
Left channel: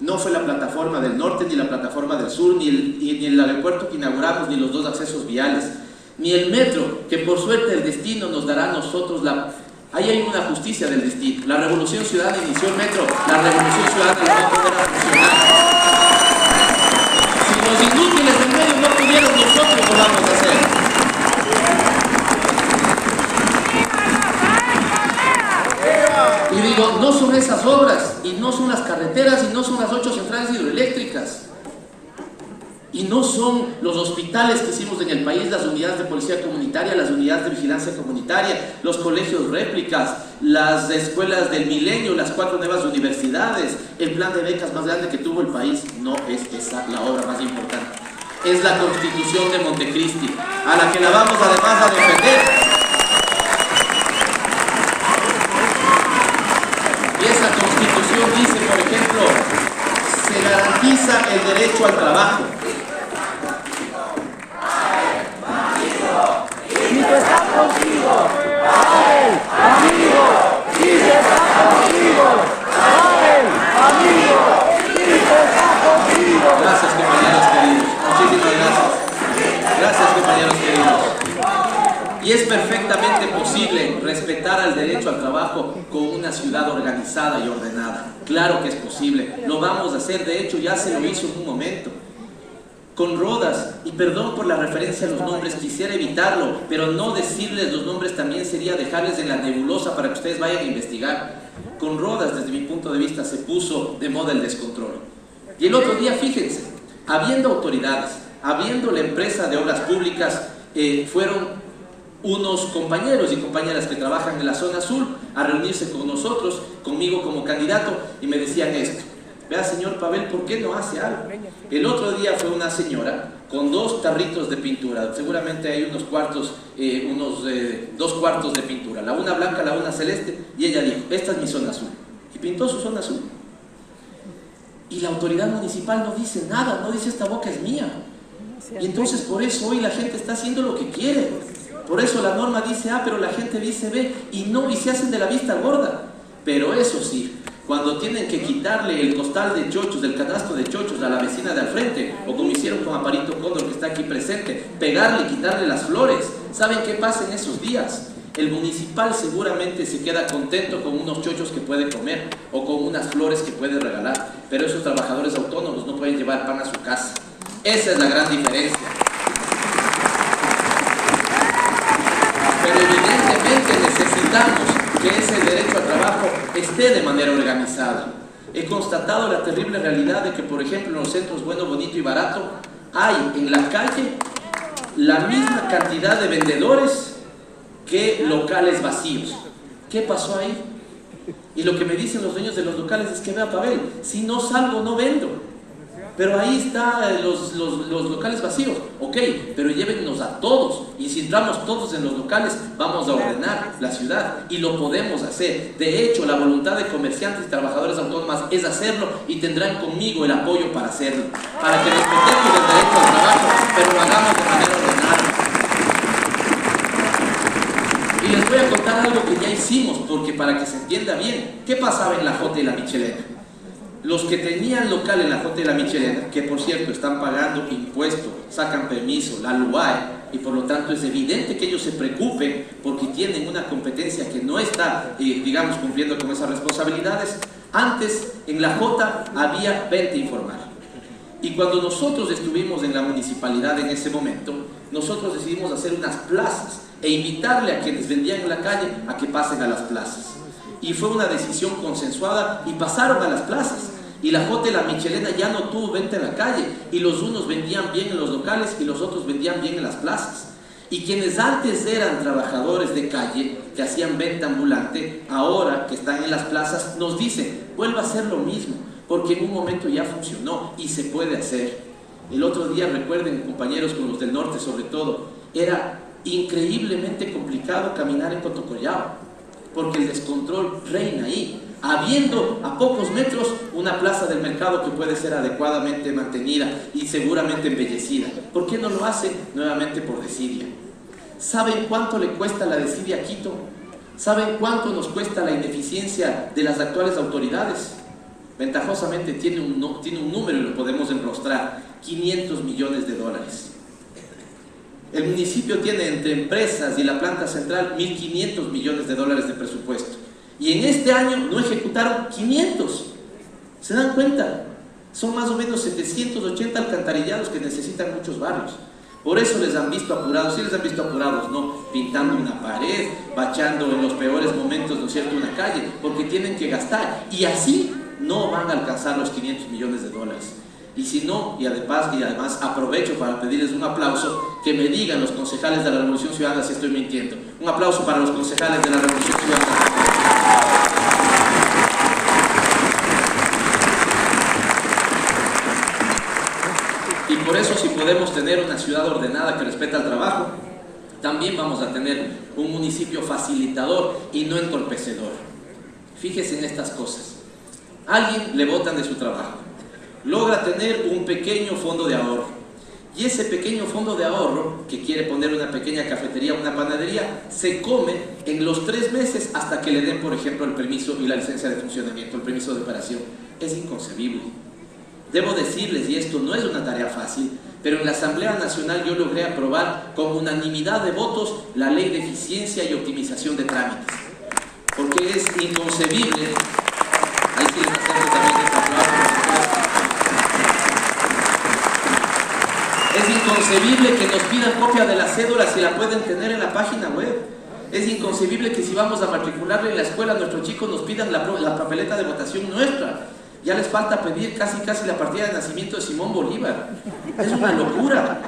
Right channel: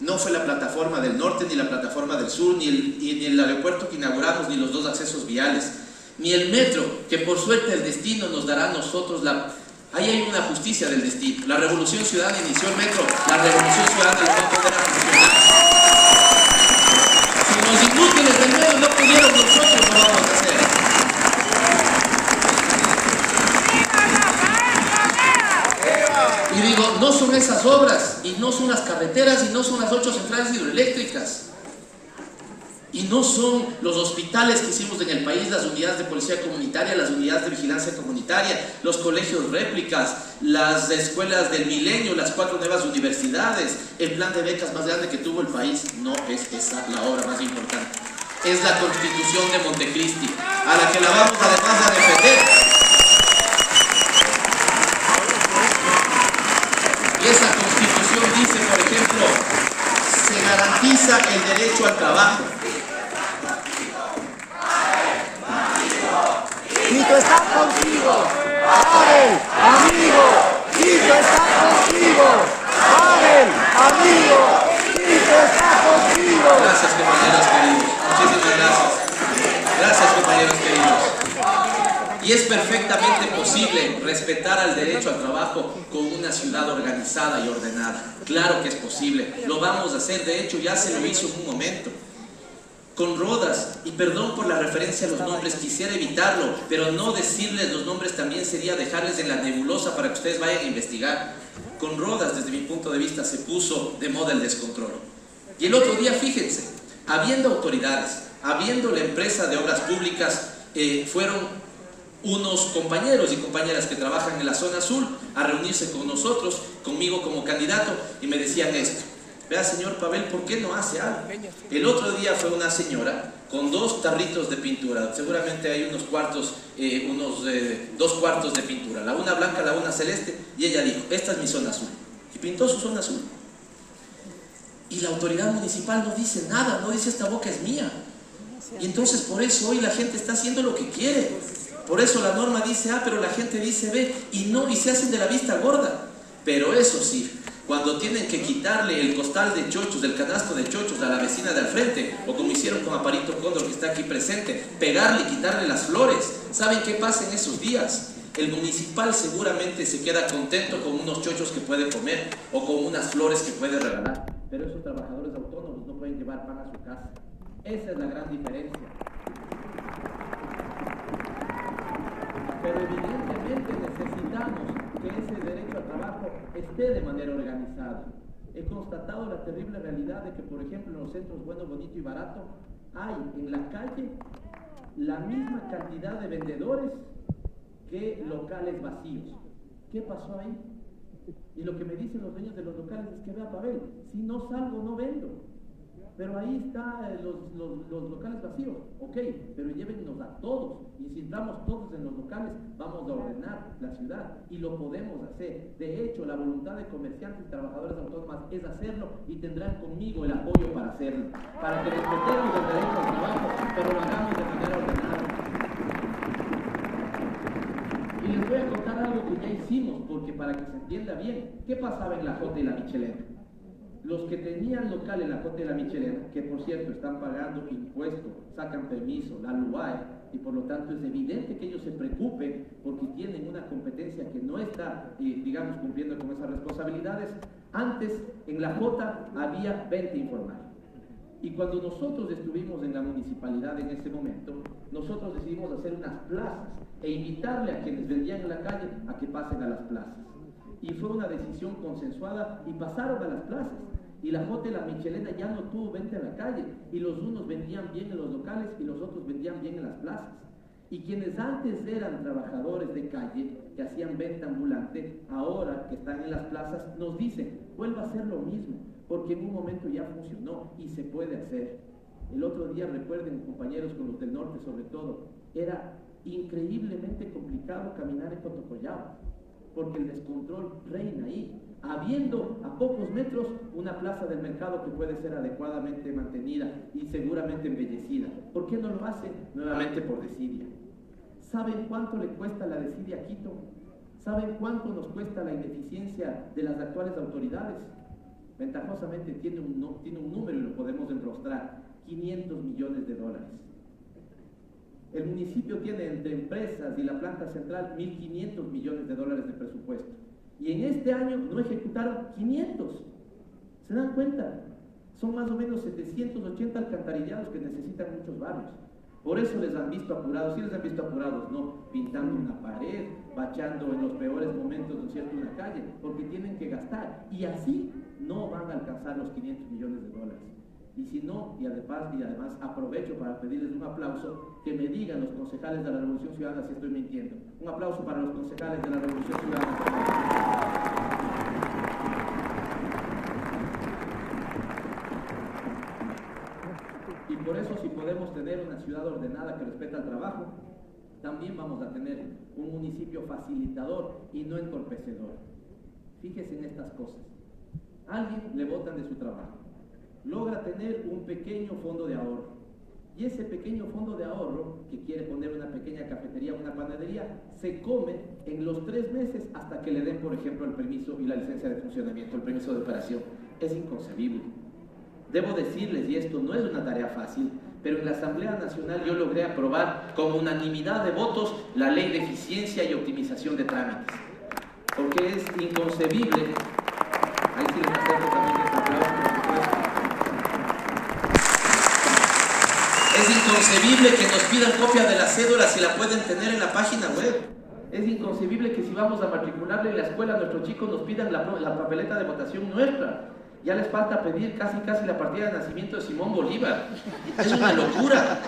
no fue la plataforma del norte, ni la plataforma del sur, ni el aeropuerto que inauguramos, ni los 2 accesos viales, ni el metro, que por suerte el destino nos dará a nosotros Ahí hay una justicia del destino. La Revolución Ciudadana inició el metro, la Revolución Ciudadana la va a poder a funcionar. Si los inútiles del medio no pudieron, nosotros lo vamos a hacer. Y digo, no son esas obras, y no son las carreteras, y no son las 8 centrales hidroeléctricas, y no son los hospitales que hicimos en el país, las unidades de policía comunitaria, las unidades de vigilancia comunitaria, los colegios réplicas, las escuelas del milenio, las 4 nuevas universidades, el plan de becas más grande que tuvo el país. No es esa la obra más importante. Es la Constitución de Montecristi, a la que la vamos además a defender. Y esa Constitución dice, por ejemplo, se garantiza el derecho al trabajo. Tito está contigo, Abel, amigo, Tito está contigo, Abel, amigo, Tito está contigo. Gracias, compañeros queridos. Muchísimas gracias. Gracias, compañeros queridos. Y es perfectamente posible respetar el derecho al trabajo con una ciudad organizada y ordenada. Claro que es posible. Lo vamos a hacer. De hecho, ya se lo hizo en un momento. Con Rodas, y perdón por la referencia a los nombres, quisiera evitarlo, pero no decirles los nombres también sería dejarles en la nebulosa para que ustedes vayan a investigar. Con Rodas, desde mi punto de vista, se puso de moda el descontrol. Y el otro día, fíjense, habiendo autoridades, habiendo la empresa de obras públicas, fueron unos compañeros y compañeras que trabajan en la zona sur a reunirse con nosotros, conmigo como candidato, y me decían esto: vea, señor Pavel, ¿por qué no hace algo? El otro día fue una señora con 2 tarritos de pintura, seguramente hay unos 2 cuartos de pintura, la una blanca, la una celeste, y ella dijo, esta es mi zona azul, y pintó su zona azul. Y la autoridad municipal no dice nada, no dice esta boca es mía. Y entonces por eso hoy la gente está haciendo lo que quiere. Por eso la norma dice A, pero la gente dice B, y se hacen de la vista gorda. Pero eso sí, cuando tienen que quitarle el costal de chochos, del canasto de chochos a la vecina de al frente, o como hicieron con Aparito Cóndor, que está aquí presente, pegarle y quitarle las flores, ¿saben qué pasa en esos días? El municipal seguramente se queda contento con unos chochos que puede comer, o con unas flores que puede regalar, pero esos trabajadores autónomos no pueden llevar pan a su casa. Esa es la gran diferencia. Pero evidentemente necesitamos que ese derecho al trabajo esté de manera organizada. He constatado la terrible realidad de que, por ejemplo, en los centros Bueno, Bonito y Barato hay en la calle la misma cantidad de vendedores que locales vacíos. ¿Qué pasó ahí? Y lo que me dicen los dueños de los locales es que, vea, Pavel, si no salgo no vendo. Pero ahí están los locales vacíos. Ok, pero llévennos a todos. Y si entramos todos en los locales, vamos a ordenar la ciudad. Y lo podemos hacer. De hecho, la voluntad de comerciantes y trabajadores autónomos es hacerlo, y tendrán conmigo el apoyo para hacerlo. Para que respetemos el derecho al trabajo, pero lo hagamos de manera ordenada. Y les voy a contar algo que ya hicimos, porque para que se entienda bien, ¿qué pasaba en la Jota y la Michelena? Los que tenían local en la Jota y la Michelena, que por cierto están pagando impuestos, sacan permiso, la LUAE, y por lo tanto es evidente que ellos se preocupen porque tienen una competencia que no está, digamos, cumpliendo con esas responsabilidades. Antes en la Jota había venta informal. Y cuando nosotros estuvimos en la municipalidad en ese momento, nosotros decidimos hacer unas plazas e invitarle a quienes vendían en la calle a que pasen a las plazas. Y fue una decisión consensuada y pasaron a las plazas. Y la Jota y la Michelena ya no tuvo venta en la calle, y los unos vendían bien en los locales y los otros vendían bien en las plazas. Y quienes antes eran trabajadores de calle, que hacían venta ambulante, ahora que están en las plazas, nos dicen, vuelva a hacer lo mismo, porque en un momento ya funcionó y se puede hacer. El otro día, recuerden, compañeros, con los del norte sobre todo, era increíblemente complicado caminar en Cotocollao, porque el descontrol reina ahí, habiendo a pocos metros una plaza del mercado que puede ser adecuadamente mantenida y seguramente embellecida. ¿Por qué no lo hace? Nuevamente por desidia. ¿Saben cuánto le cuesta la desidia a Quito? ¿Saben cuánto nos cuesta la ineficiencia de las actuales autoridades? Ventajosamente tiene un número y lo podemos enrostrar: 500 millones de dólares. El municipio tiene entre empresas y la planta central 1.500 millones de dólares de presupuesto. Y en este año no ejecutaron 500. ¿Se dan cuenta? Son más o menos 780 alcantarillados que necesitan muchos barrios. Por eso les han visto apurados. Sí les han visto apurados, ¿no? Pintando una pared, bachando en los peores momentos, ¿no es cierto?, una calle, porque tienen que gastar. Y así no van a alcanzar los 500 millones de dólares. Y si no, y además aprovecho para pedirles un aplauso, que me digan los concejales de la Revolución Ciudadana si estoy mintiendo. Un aplauso para los concejales de la Revolución Ciudadana. Y por eso, si podemos tener una ciudad ordenada que respeta el trabajo, también vamos a tener un municipio facilitador y no entorpecedor. Fíjense en estas cosas. Alguien le botan de su trabajo, logra tener un pequeño fondo de ahorro, y ese pequeño fondo de ahorro, que quiere poner una pequeña cafetería, una panadería, se come en los 3 meses hasta que le den, por ejemplo, el permiso y la licencia de funcionamiento, el permiso de operación. Es inconcebible. Debo decirles, y esto no es una tarea fácil, pero en la Asamblea Nacional yo logré aprobar con unanimidad de votos la Ley de Eficiencia y Optimización de Trámites, porque es inconcebible. Ahí sí les acerco también este aplauso, por supuesto. Es inconcebible que nos pidan copia de la cédula si la pueden tener en la página web. Es inconcebible que si vamos a matricularle en la escuela a nuestros chicos nos pidan la papeleta de votación nuestra. Ya les falta pedir casi la partida de nacimiento de Simón Bolívar. Es una locura.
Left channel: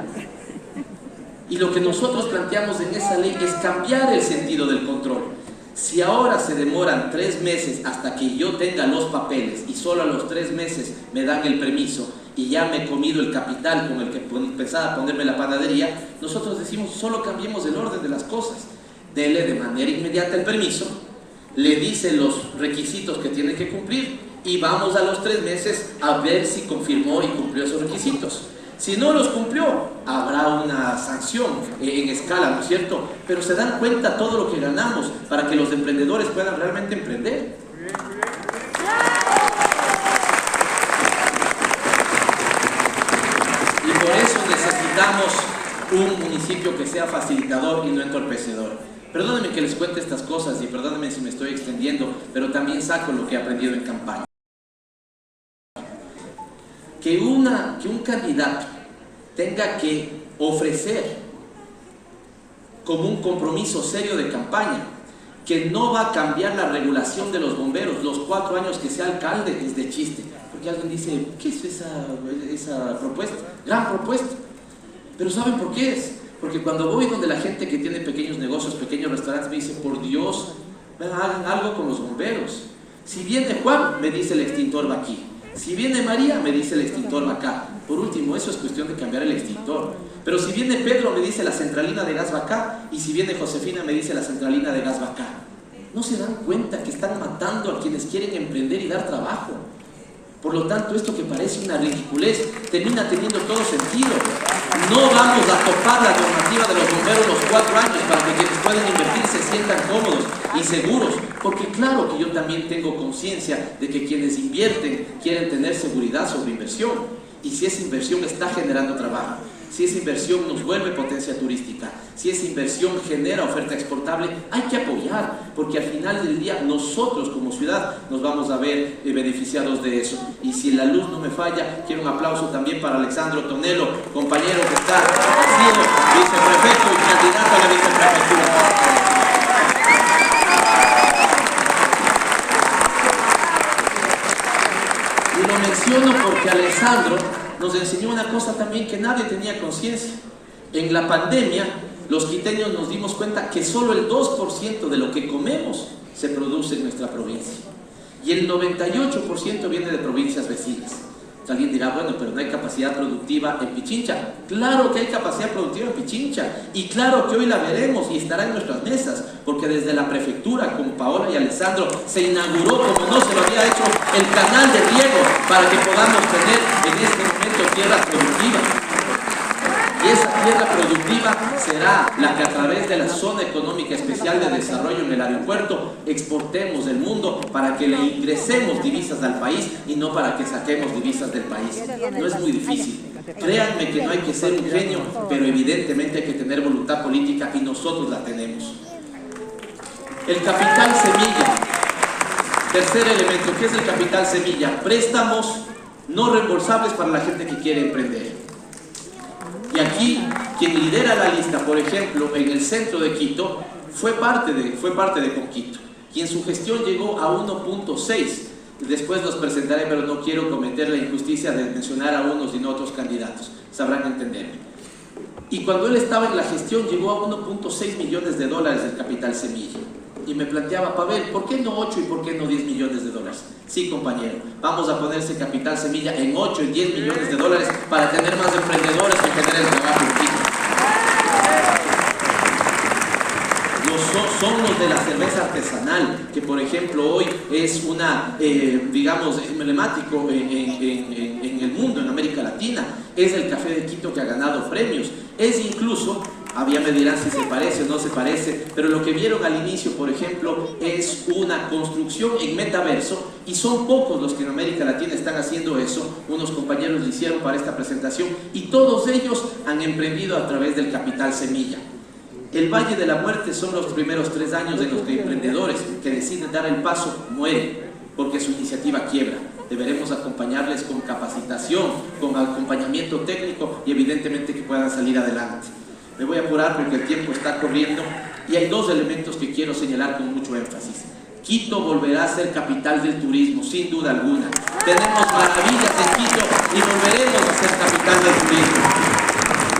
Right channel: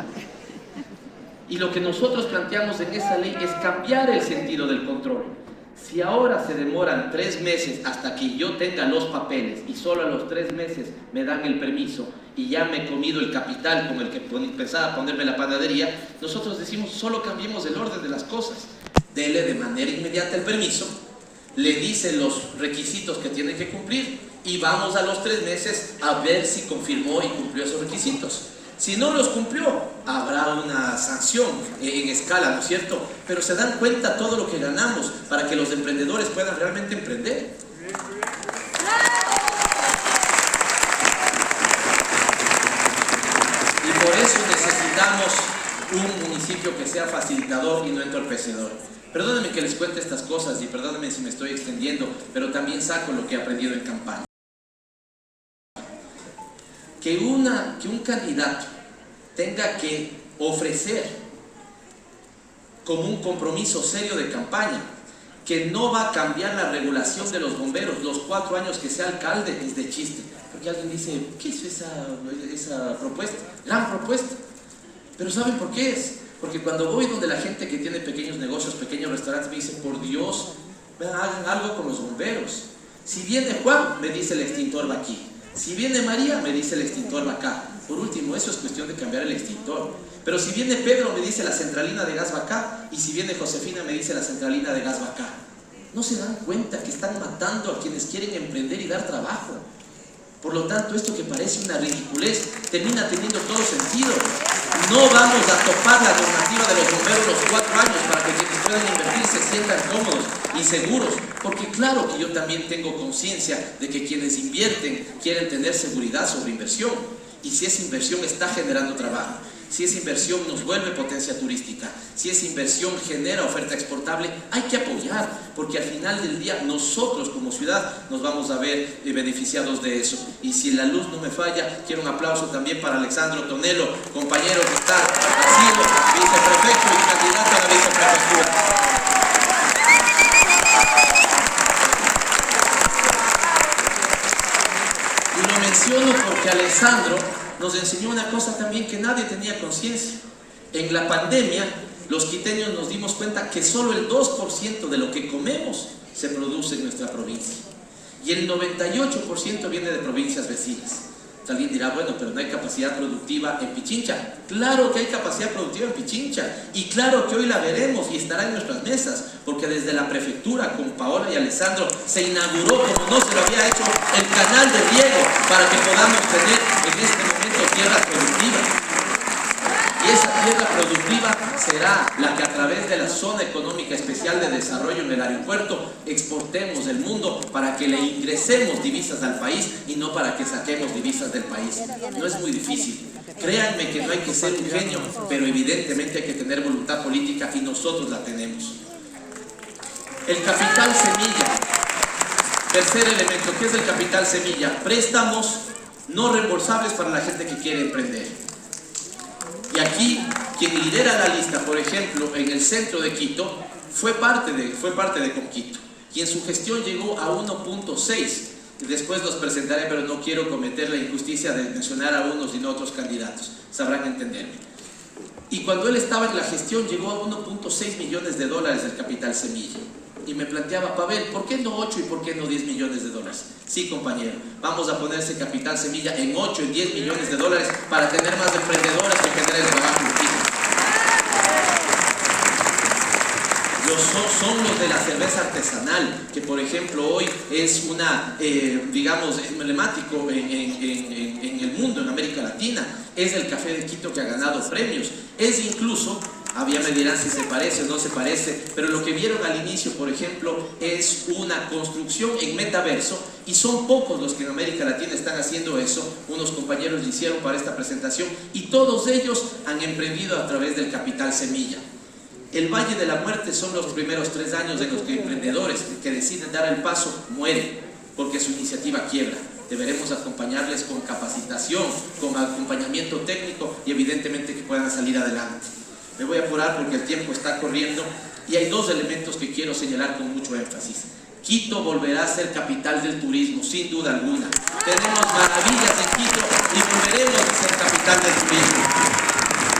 Y lo que nosotros planteamos en esa ley es cambiar el sentido del control. Si ahora se demoran 3 meses hasta que yo tenga los papeles y solo a los 3 meses me dan el permiso y ya me he comido el capital con el que pensaba ponerme la panadería, nosotros decimos solo cambiemos el orden de las cosas. Dele de manera inmediata el permiso, le dice los requisitos que tiene que cumplir y vamos a los 3 meses a ver si confirmó y cumplió esos requisitos. Si no los cumplió, habrá una sanción en escala, ¿no es cierto? Pero se dan cuenta todo lo que ganamos para que los emprendedores puedan realmente emprender. Y por eso necesitamos un municipio que sea facilitador y no entorpecedor. Perdónenme que les cuente estas cosas y perdónenme si me estoy extendiendo, pero también saco lo que he aprendido en campaña. Que un candidato tenga que ofrecer como un compromiso serio de campaña que no va a cambiar la regulación de los bomberos los 4 años que sea alcalde, es de chiste. Porque alguien dice, ¿qué es esa propuesta? Gran propuesta. Pero ¿saben por qué es? Porque cuando voy donde la gente que tiene pequeños negocios, pequeños restaurantes, me dice, por Dios, hagan algo con los bomberos. Si viene Juan, me dice el extintor va aquí. Si viene María, me dice el extintor va acá. Por último, eso es cuestión de cambiar el extintor. Pero si viene Pedro, me dice la centralina de gas va acá. Y si viene Josefina, me dice la centralina de gas va acá. ¿No se dan cuenta que están matando a quienes quieren emprender y dar trabajo? Por lo tanto, esto que parece una ridiculez termina teniendo todo sentido. No vamos a topar la normativa de los bomberos los 4 años para que quienes pueden invertir se sientan cómodos y seguros. Porque claro que yo también tengo conciencia de que quienes invierten quieren tener seguridad sobre inversión. Y si esa inversión está generando trabajo, si esa inversión nos vuelve potencia turística, si esa inversión genera oferta exportable, hay que apoyar, porque al final del día nosotros como ciudad nos vamos a ver beneficiados de eso. Y si la luz no me falla, quiero un aplauso también para Alexandro Tonelo, compañero que está siendo viceprefecto y candidato a la viceprefectura. Y lo menciono porque Alessandro nos enseñó una cosa también que nadie tenía conciencia. En la pandemia, los quiteños nos dimos cuenta que solo el 2% de lo que comemos se produce en nuestra provincia. Y el 98% viene de provincias vecinas. Alguien dirá, bueno, pero no hay capacidad productiva en Pichincha. Claro que hay capacidad productiva en Pichincha, y claro que hoy la veremos y estará en nuestras mesas, porque desde la prefectura, con Paola y Alessandro, se inauguró, como no se lo había hecho, el canal de riego para que podamos tener en este momento tierra productiva. Y esa tierra productiva será la que a través de la Zona Económica Especial de Desarrollo en el aeropuerto exportemos al mundo para que le ingresemos divisas al país y no para que saquemos divisas del país. No es muy difícil. Créanme que no hay que ser un genio, pero evidentemente hay que tener voluntad política y nosotros la tenemos. El capital semilla. Tercer elemento, ¿qué es el capital semilla? Préstamos no reembolsables para la gente que quiere emprender. Y aquí, quien lidera la lista, por ejemplo, en el centro de Quito, fue parte de Conquito, y en su gestión llegó a 1.6. Después los presentaré, pero no quiero cometer la injusticia de mencionar a unos y no a otros candidatos, sabrán entenderme. Y cuando él estaba en la gestión, llegó a 1.6 millones de dólares del capital semilla. Y me planteaba, Pavel, ¿por qué no 8 y por qué no 10 millones de dólares? Sí, compañero, vamos a poner ese capital semilla en 8 y 10 millones de dólares para tener más emprendedores y tener el trabajo fijo. Son los de la cerveza artesanal, que por ejemplo hoy es una, digamos, es emblemático en el mundo, en América Latina. Es el café de Quito que ha ganado premios. Es incluso, ya me dirán si se parece o no se parece, pero lo que vieron al inicio, por ejemplo, es una construcción en metaverso, y son pocos los que en América Latina están haciendo eso. Unos compañeros lo hicieron para esta presentación y todos ellos han emprendido a través del capital semilla. El Valle de la Muerte son los primeros 3 años en los que emprendedores que deciden dar el paso mueren porque su iniciativa quiebra. Deberemos acompañarles con capacitación, con acompañamiento técnico y evidentemente que puedan salir adelante. Me voy a apurar porque el tiempo está corriendo y hay 2 elementos que quiero señalar con mucho énfasis. Quito volverá a ser capital del turismo, sin duda alguna. Tenemos maravillas en Quito y volveremos a ser capital del turismo.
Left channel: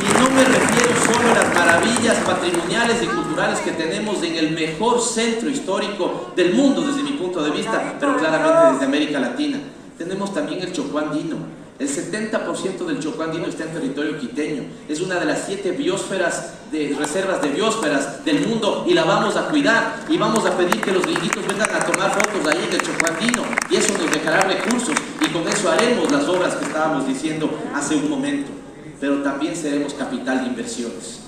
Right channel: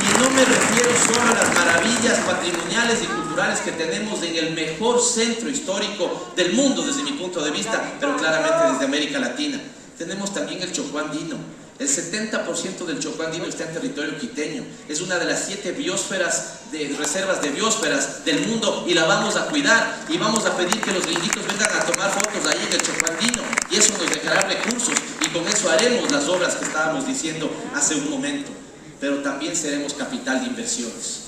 Y no me refiero solo a las maravillas patrimoniales y culturales que tenemos en el mejor centro histórico del mundo desde mi punto de vista, pero claramente desde América Latina. Tenemos también el Chocó andino. El 70% del Chocó andino está en territorio quiteño. Es una de las 7 reservas de biosferas del mundo y la vamos a cuidar, y vamos a pedir que los gringuitos vengan a tomar fotos ahí en el Chocó andino, y eso nos dejará recursos y con eso haremos las obras que estábamos diciendo hace un momento. Pero también seremos capital de inversiones.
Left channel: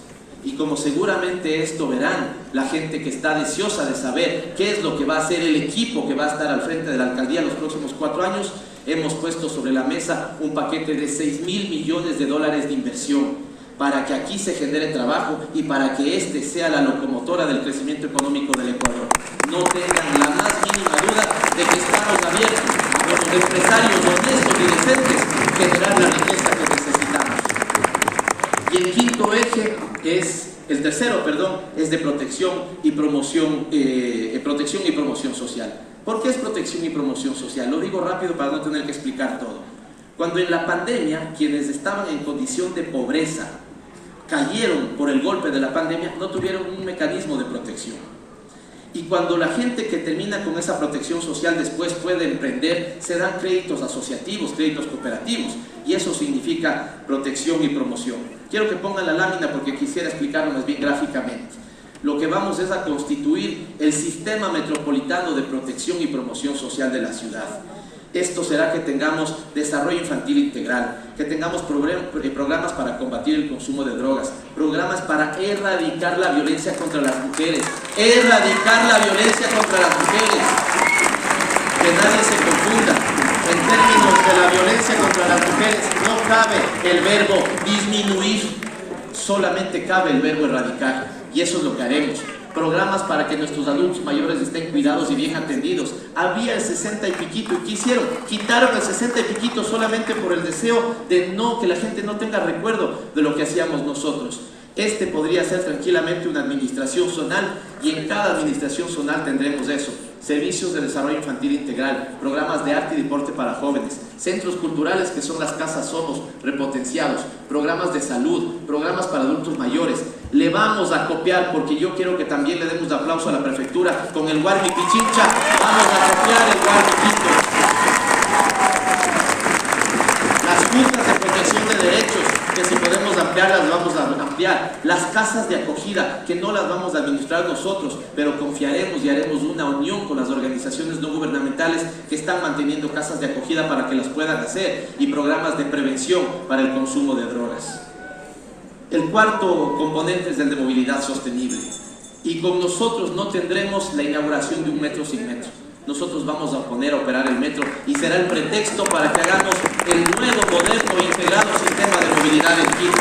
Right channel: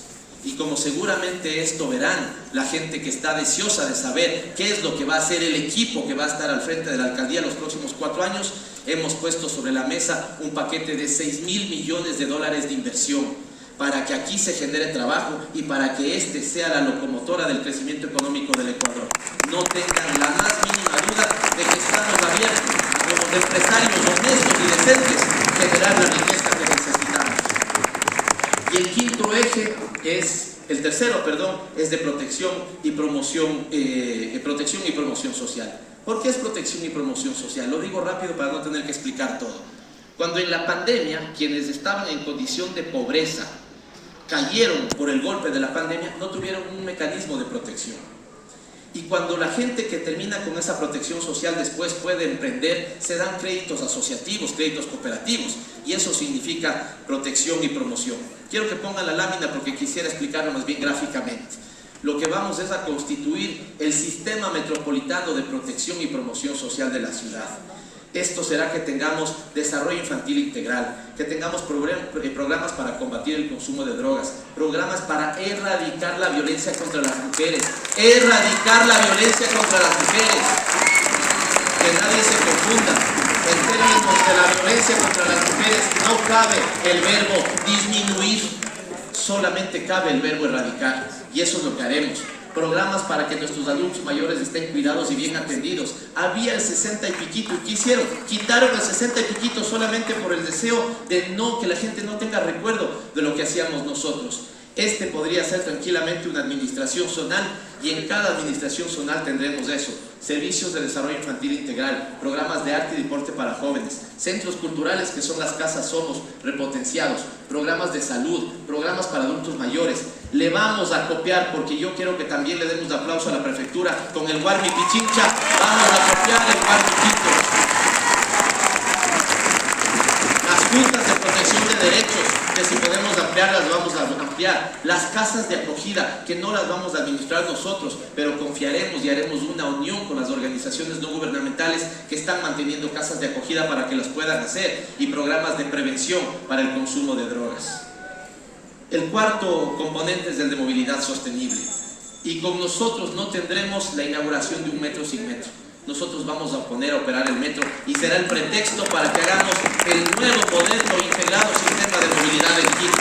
Y como seguramente esto verán la gente que está deseosa de saber qué es lo que va a hacer el equipo que va a estar al frente de la alcaldía los próximos 4 años, hemos puesto sobre la mesa un paquete de 6.000 millones de dólares de inversión para que aquí se genere trabajo y para que este sea la locomotora del crecimiento económico del Ecuador. No tengan la más mínima duda de que estamos abiertos a los empresarios honestos y decentes generar la riqueza que necesitamos. Y el quinto eje el tercero, es de protección y promoción social. ¿Por qué es protección y promoción social? Lo digo rápido para no tener que explicar todo. Cuando en la pandemia, quienes estaban en condición de pobreza cayeron por el golpe de la pandemia, no tuvieron un mecanismo de protección. Y cuando la gente que termina con esa protección social después puede emprender, se dan créditos asociativos, créditos cooperativos, y eso significa protección y promoción. Quiero que pongan la lámina porque quisiera explicarlo más bien gráficamente. Lo que vamos es a constituir el sistema metropolitano de protección y promoción social de la ciudad. Esto será que tengamos desarrollo infantil integral, que tengamos programas para combatir el consumo de drogas, programas para erradicar la violencia contra las mujeres, erradicar la violencia contra las mujeres. Que nadie se confunda, en términos de la violencia contra las mujeres no cabe el verbo disminuir, solamente cabe el verbo erradicar, y eso es lo que haremos. Programas para que nuestros adultos mayores estén cuidados y bien atendidos. Había el 60 y piquito, ¿y qué hicieron? Quitaron el 60 y piquito solamente por el deseo de que la gente no tenga recuerdo de lo que hacíamos nosotros. Este podría ser tranquilamente una administración zonal, y en cada administración zonal tendremos eso: servicios de desarrollo infantil integral, programas de arte y deporte para jóvenes, centros culturales que son las casas Somos repotenciados, programas de salud, programas para adultos mayores, Le vamos a copiar, porque yo quiero que también le demos aplauso a la prefectura con el Guarmi Pichincha. Vamos a copiar el Guarmi Quito. Las juntas de protección de derechos, que si podemos ampliarlas, vamos a ampliar. Las casas de acogida, que no las vamos a administrar nosotros, pero confiaremos y haremos una unión con las organizaciones no gubernamentales que están manteniendo casas de acogida para que las puedan hacer, y programas de prevención para el consumo de drogas. El cuarto componente es el de movilidad sostenible, y con nosotros no tendremos la inauguración de un metro sin metro. Nosotros vamos a poner a operar el metro y será el pretexto para que hagamos el nuevo, moderno, integrado sistema de movilidad en Quito.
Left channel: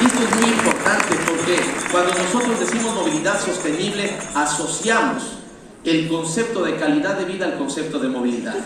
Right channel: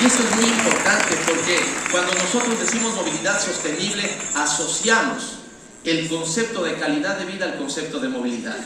Y eso es muy importante, porque cuando nosotros decimos movilidad sostenible, asociamos el concepto de calidad de vida al concepto de movilidad.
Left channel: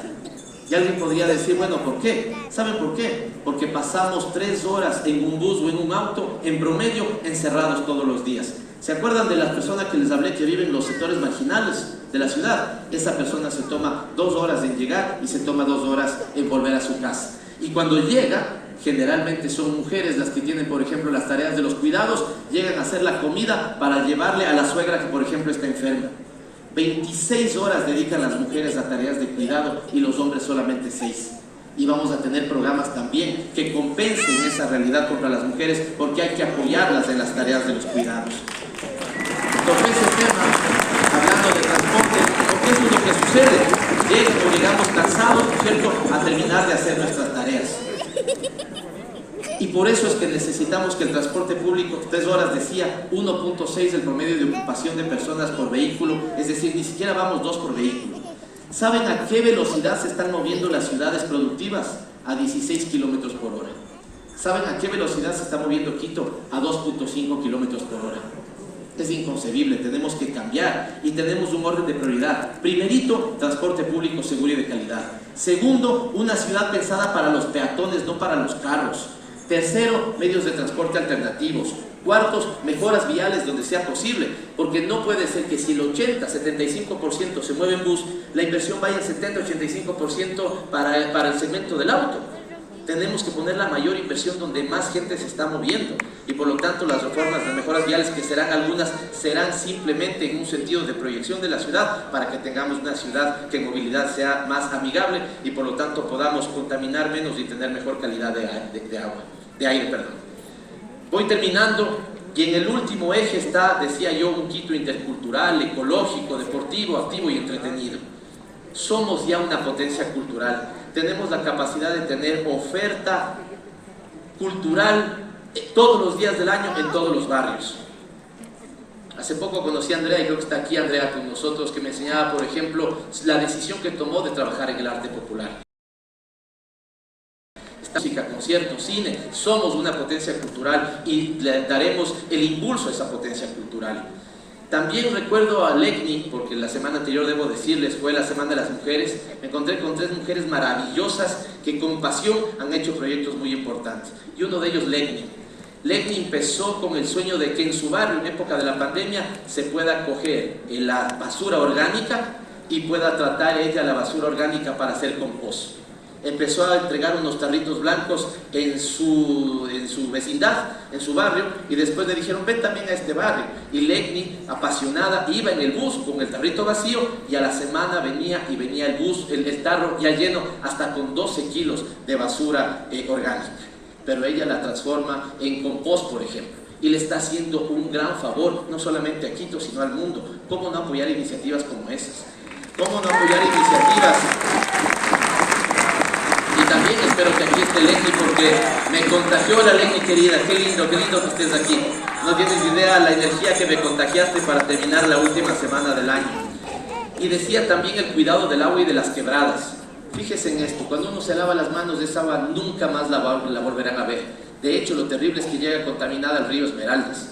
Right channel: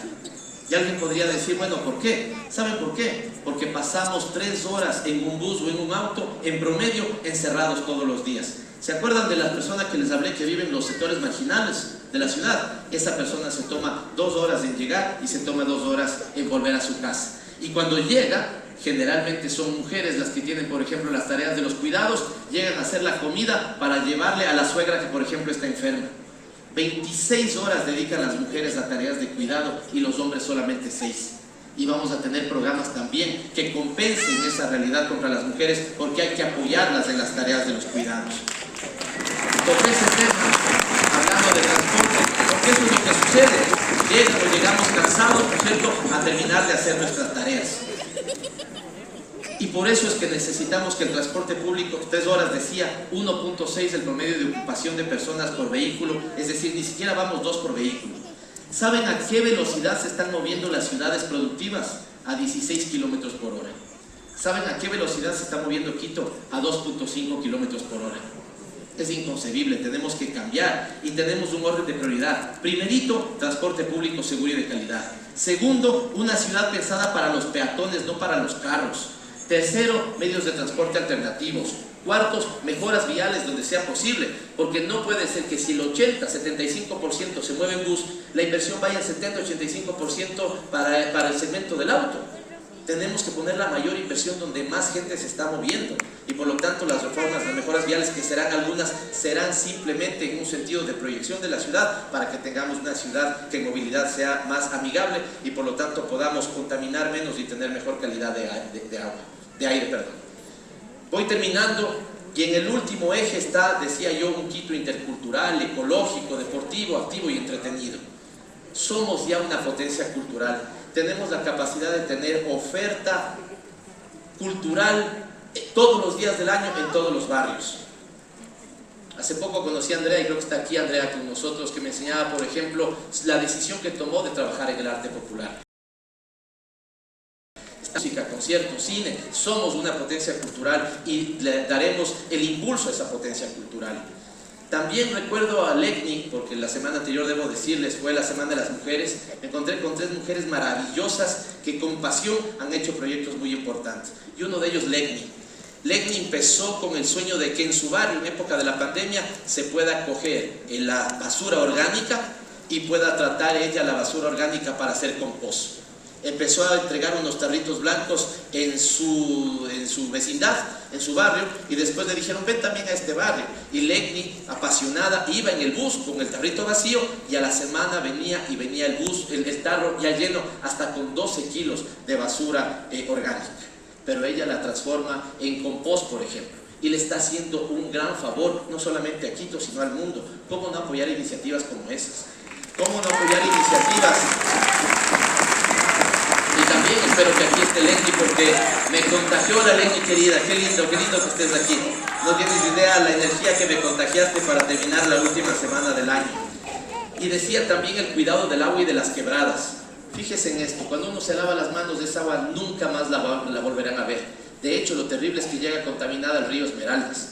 Y alguien podría decir, bueno, ¿por qué? ¿Saben por qué? Porque pasamos 3 horas en un bus o en un auto, en promedio, encerrados todos los días. ¿Se acuerdan de las personas que les hablé que viven en los sectores marginales de la ciudad? Esa persona se toma 2 horas en llegar y se toma 2 horas en volver a su casa. Y cuando llega, generalmente son mujeres las que tienen, por ejemplo, las tareas de los cuidados, llegan a hacer la comida para llevarle a la suegra que, por ejemplo, está enferma. 26 horas dedican las mujeres a tareas de cuidado y los hombres solamente 6. Y vamos a tener programas también que compensen esa realidad contra las mujeres, porque hay que apoyarlas en las tareas de los cuidados. Toqué ese tema hablando de transporte, porque eso es lo que sucede. Llegamos cansados, ¿cierto?, a terminar de hacer nuestras tareas. Y por eso es que necesitamos que el transporte público, 3 horas decía, 1.6 el promedio de ocupación de personas por vehículo, es decir, ni siquiera vamos 2 por vehículo. ¿Saben a qué velocidad se están moviendo las ciudades productivas? A 16 kilómetros por hora. ¿Saben a qué velocidad se está moviendo Quito? A 2.5 kilómetros por hora. Es inconcebible, tenemos que cambiar y tenemos un orden de prioridad. Primerito, transporte público seguro y de calidad. Segundo, una ciudad pensada para los peatones, no para los carros. Tercero, medios de transporte alternativos. Cuartos, mejoras viales donde sea posible, porque no puede ser que si el 80-75% se mueve en bus, la inversión vaya al 70-85% para el segmento del auto. Tenemos que poner la mayor inversión donde más gente se está moviendo, y por lo tanto las reformas, las mejoras viales, que serán algunas, serán simplemente en un sentido de proyección de la ciudad, para que tengamos una ciudad que en movilidad sea más amigable y por lo tanto podamos contaminar menos y tener mejor calidad de aire. Voy terminando, y en el último eje está, decía yo, un Quito intercultural, ecológico, deportivo, activo y entretenido. Somos ya una potencia cultural, tenemos la capacidad de tener oferta cultural todos los días del año en todos los barrios. Hace poco conocí a Andrea, y creo que está aquí Andrea con nosotros, que me enseñaba, por ejemplo, la decisión que tomó de trabajar en el arte popular. Música, conciertos, cine, somos una potencia cultural y le daremos el impulso a esa potencia cultural. También recuerdo a Lecni, porque la semana anterior, debo decirles, fue la Semana de las Mujeres. Me encontré con 3 mujeres maravillosas que con pasión han hecho proyectos muy importantes, y uno de ellos, Lecni. Lecni empezó con el sueño de que en su barrio, en época de la pandemia, se pueda coger la basura orgánica y pueda tratar ella la basura orgánica para hacer compost. Empezó a entregar unos tarritos blancos en su vecindad, en su barrio, y después le dijeron, ven también a este barrio. Y Lecni, apasionada, iba en el bus con el tarrito vacío, y a la semana venía el bus, el tarro ya lleno, hasta con 12 kilos de basura orgánica. Pero ella la transforma en compost, por ejemplo, y le está haciendo un gran favor, no solamente a Quito, sino al mundo. ¿Cómo no apoyar iniciativas como esas? ¿Cómo no apoyar iniciativas? Y también espero que aquí esté Lecni, porque me contagió la Lecni querida. Qué lindo que estés aquí. No tienes idea la energía que me contagiaste para terminar la última semana del año. Y decía también el cuidado del agua y de las quebradas. Fíjese en esto, cuando uno se lava las manos de esa agua, nunca más la volverán a ver. De hecho, lo terrible es que llega contaminada al río Esmeraldas.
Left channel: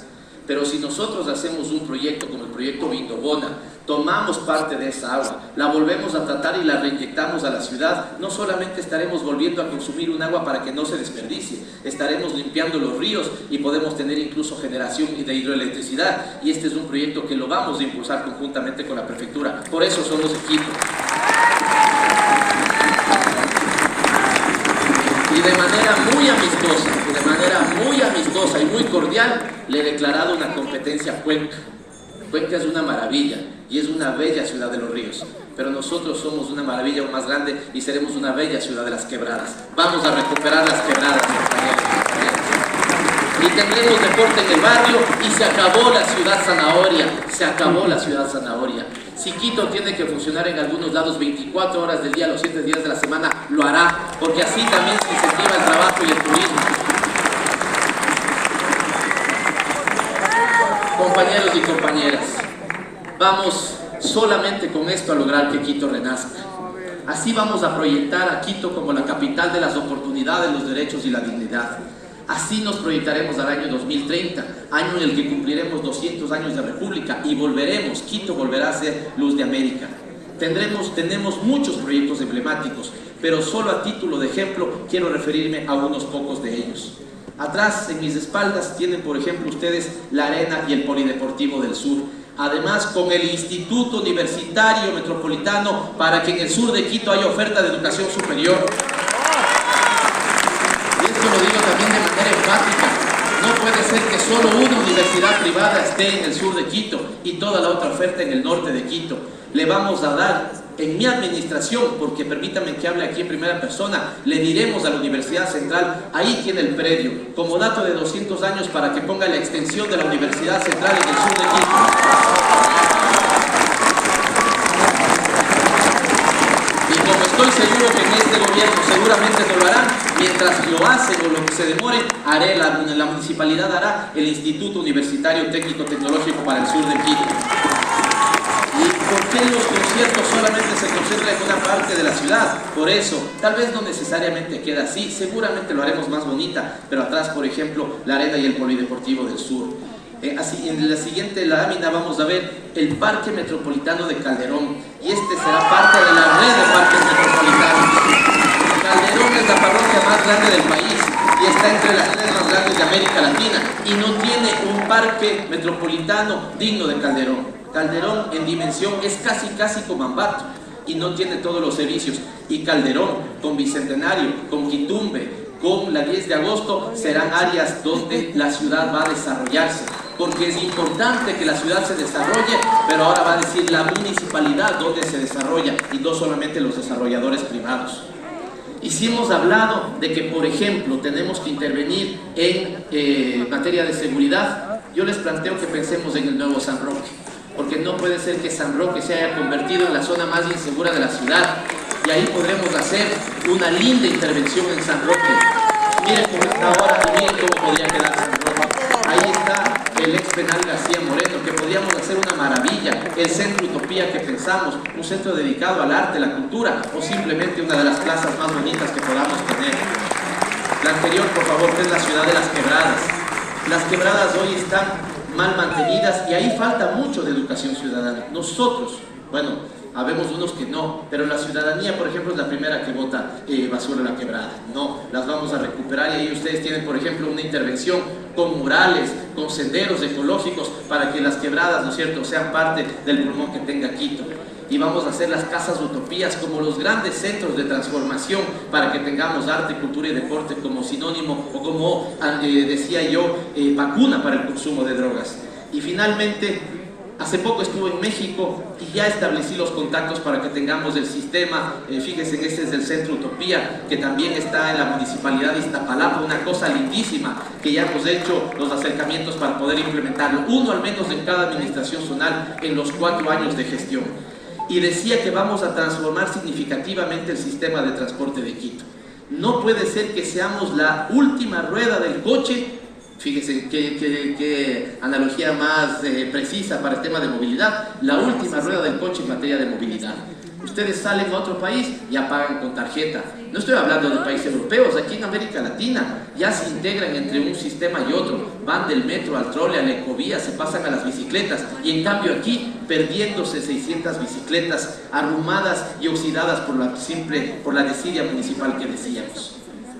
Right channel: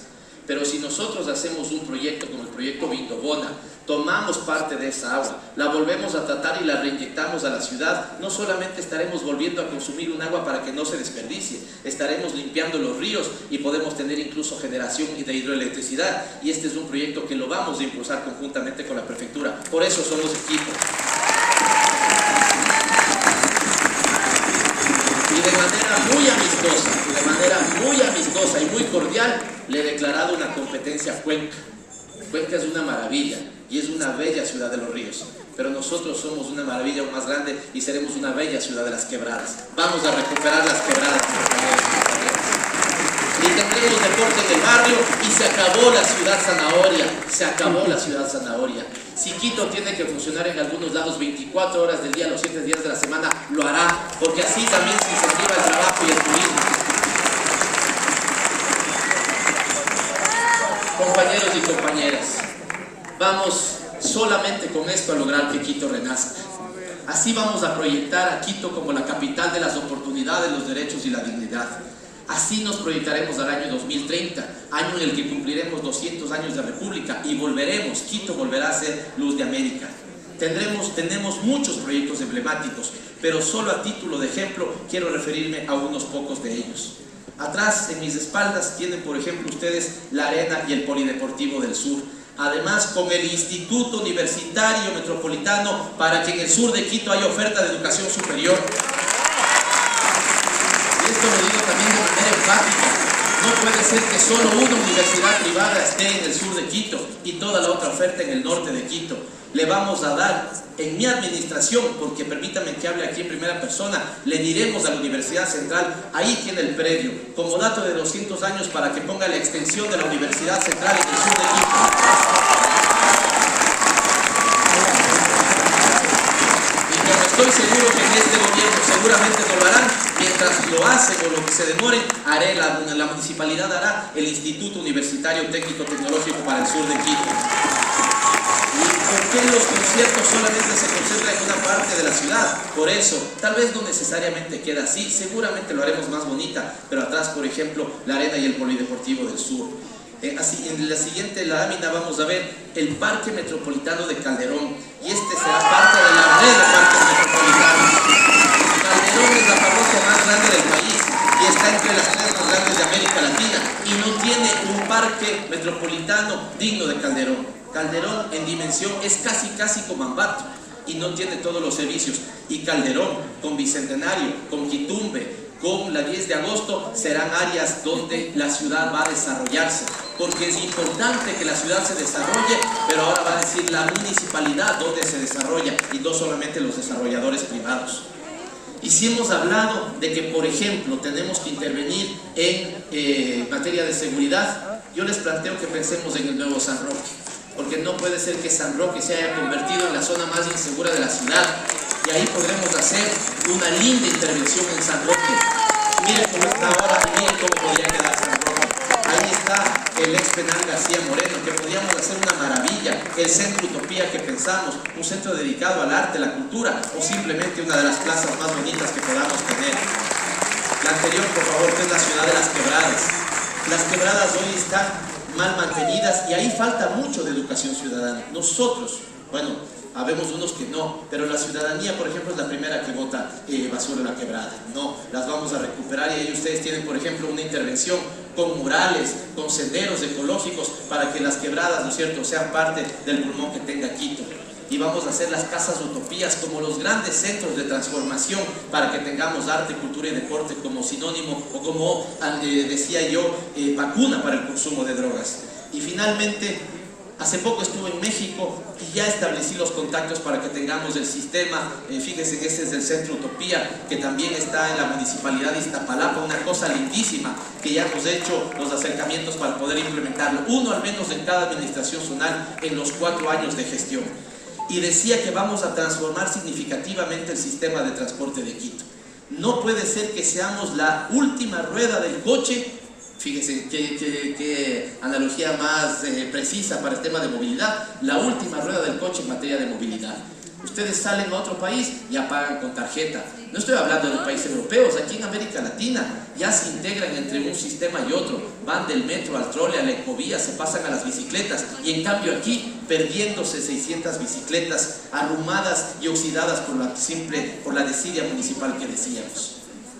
Pero si nosotros hacemos un proyecto como el proyecto Vindobona, tomamos parte de esa agua, la volvemos a tratar y la reinyectamos a la ciudad, no solamente estaremos volviendo a consumir un agua para que no se desperdicie, estaremos limpiando los ríos y podemos tener incluso generación de hidroelectricidad. Y este es un proyecto que lo vamos a impulsar conjuntamente con la prefectura. Por eso somos equipo. Y de manera muy amistosa, y muy cordial, le he declarado una competencia a Cuenca. Cuenca es una maravilla y es una bella ciudad de los ríos, pero nosotros somos una maravilla aún más grande y seremos una bella ciudad de las quebradas. Vamos a recuperar las quebradas, y tendremos deporte en el barrio y se acabó la ciudad zanahoria, se acabó la ciudad zanahoria. Si Quito tiene que funcionar en algunos lados 24 horas del día, los 7 días de la semana, lo hará, porque así también se incentiva el trabajo y el turismo. Compañeros y compañeras, vamos solamente con esto a lograr que Quito renazca. Así vamos a proyectar a Quito como la capital de las oportunidades, los derechos y la dignidad. Así nos proyectaremos al año 2030, año en el que cumpliremos 200 años de república y volveremos, Quito volverá a ser luz de América. Tenemos muchos proyectos emblemáticos, pero solo a título de ejemplo quiero referirme a unos pocos de ellos. Atrás, en mis espaldas, tienen por ejemplo ustedes la Arena y el Polideportivo del Sur. Además, con el Instituto Universitario Metropolitano para que en el sur de Quito haya oferta de educación superior. Esto lo digo también de manera enfática. No puede ser que solo una universidad privada esté en el sur de Quito y toda la otra oferta en el norte de Quito. Le vamos a dar en mi administración, porque permítanme que hable aquí en primera persona, le diremos a la Universidad Central, ahí tiene el predio, como dato de 200 años para que ponga la extensión de la Universidad Central en el sur de Quito. Estoy seguro que en este gobierno seguramente no lo harán. Mientras lo hacen o lo que se demore, la municipalidad hará el Instituto Universitario Técnico Tecnológico para el sur de Quito. ¿Y por qué los conciertos solamente se concentran en una parte de la ciudad? Por eso, tal vez no necesariamente queda así, seguramente lo haremos más bonita, pero atrás, por ejemplo, la Arena y el Polideportivo del Sur. Así, en la siguiente lámina vamos a ver el Parque Metropolitano de Calderón, y este será parte de la red de parques metropolitanos. Calderón es la parroquia más grande del país y está entre las 3 más grandes de América Latina y no tiene un parque metropolitano digno de Calderón. Calderón en dimensión es casi como Ambato y no tiene todos los servicios, y Calderón con Bicentenario, con Quitumbe, con la 10 de agosto serán áreas donde la ciudad va a desarrollarse, porque es importante que la ciudad se desarrolle, pero ahora va a decir la municipalidad donde se desarrolla y no solamente los desarrolladores privados. Y si hemos hablado de que, por ejemplo, tenemos que intervenir en materia de seguridad, yo les planteo que pensemos en el nuevo San Roque, porque no puede ser que San Roque se haya convertido en la zona más insegura de la ciudad, y ahí podremos hacer una linda intervención en San Roque. Miren cómo está ahora y miren cómo podría quedar San Roque. Ahí está el ex penal García Moreno, que podíamos hacer una maravilla, el Centro Utopía que pensamos, un centro dedicado al arte, la cultura, o simplemente una de las plazas más bonitas que podamos tener. La anterior, por favor, que es la ciudad de las quebradas. Las quebradas hoy están mal mantenidas y ahí falta mucho de educación ciudadana. Nosotros, bueno, habemos unos que no, pero la ciudadanía, por ejemplo, es la primera que bota basura en la quebrada. No, las vamos a recuperar, y ahí ustedes tienen, por ejemplo, una intervención con murales, con senderos ecológicos para que las quebradas, ¿no es cierto?, sean parte del pulmón que tenga Quito. Y vamos a hacer las casas utopías como los grandes centros de transformación para que tengamos arte, cultura y deporte como sinónimo o como, decía yo, vacuna para el consumo de drogas. Y finalmente, hace poco estuve en México y ya establecí los contactos para que tengamos el sistema. Fíjense que este es del Centro Utopía, que también está en la Municipalidad de Iztapalapa, una cosa lindísima, que ya hemos hecho los acercamientos para poder implementarlo, uno al menos en cada administración zonal en los 4 años de gestión. Y decía que vamos a transformar significativamente el sistema de transporte de Quito. No puede ser que seamos la última rueda del coche. Fíjense qué analogía más precisa para el tema de movilidad. La última rueda del coche en materia de movilidad. Ustedes salen a otro país y ya pagan con tarjeta. No estoy hablando de países europeos, aquí en América Latina ya se integran entre un sistema y otro. Van del metro al trole, a la ecovía, se pasan a las bicicletas. Y en cambio aquí, perdiéndose 600 bicicletas arrumadas y oxidadas por la desidia municipal que decíamos.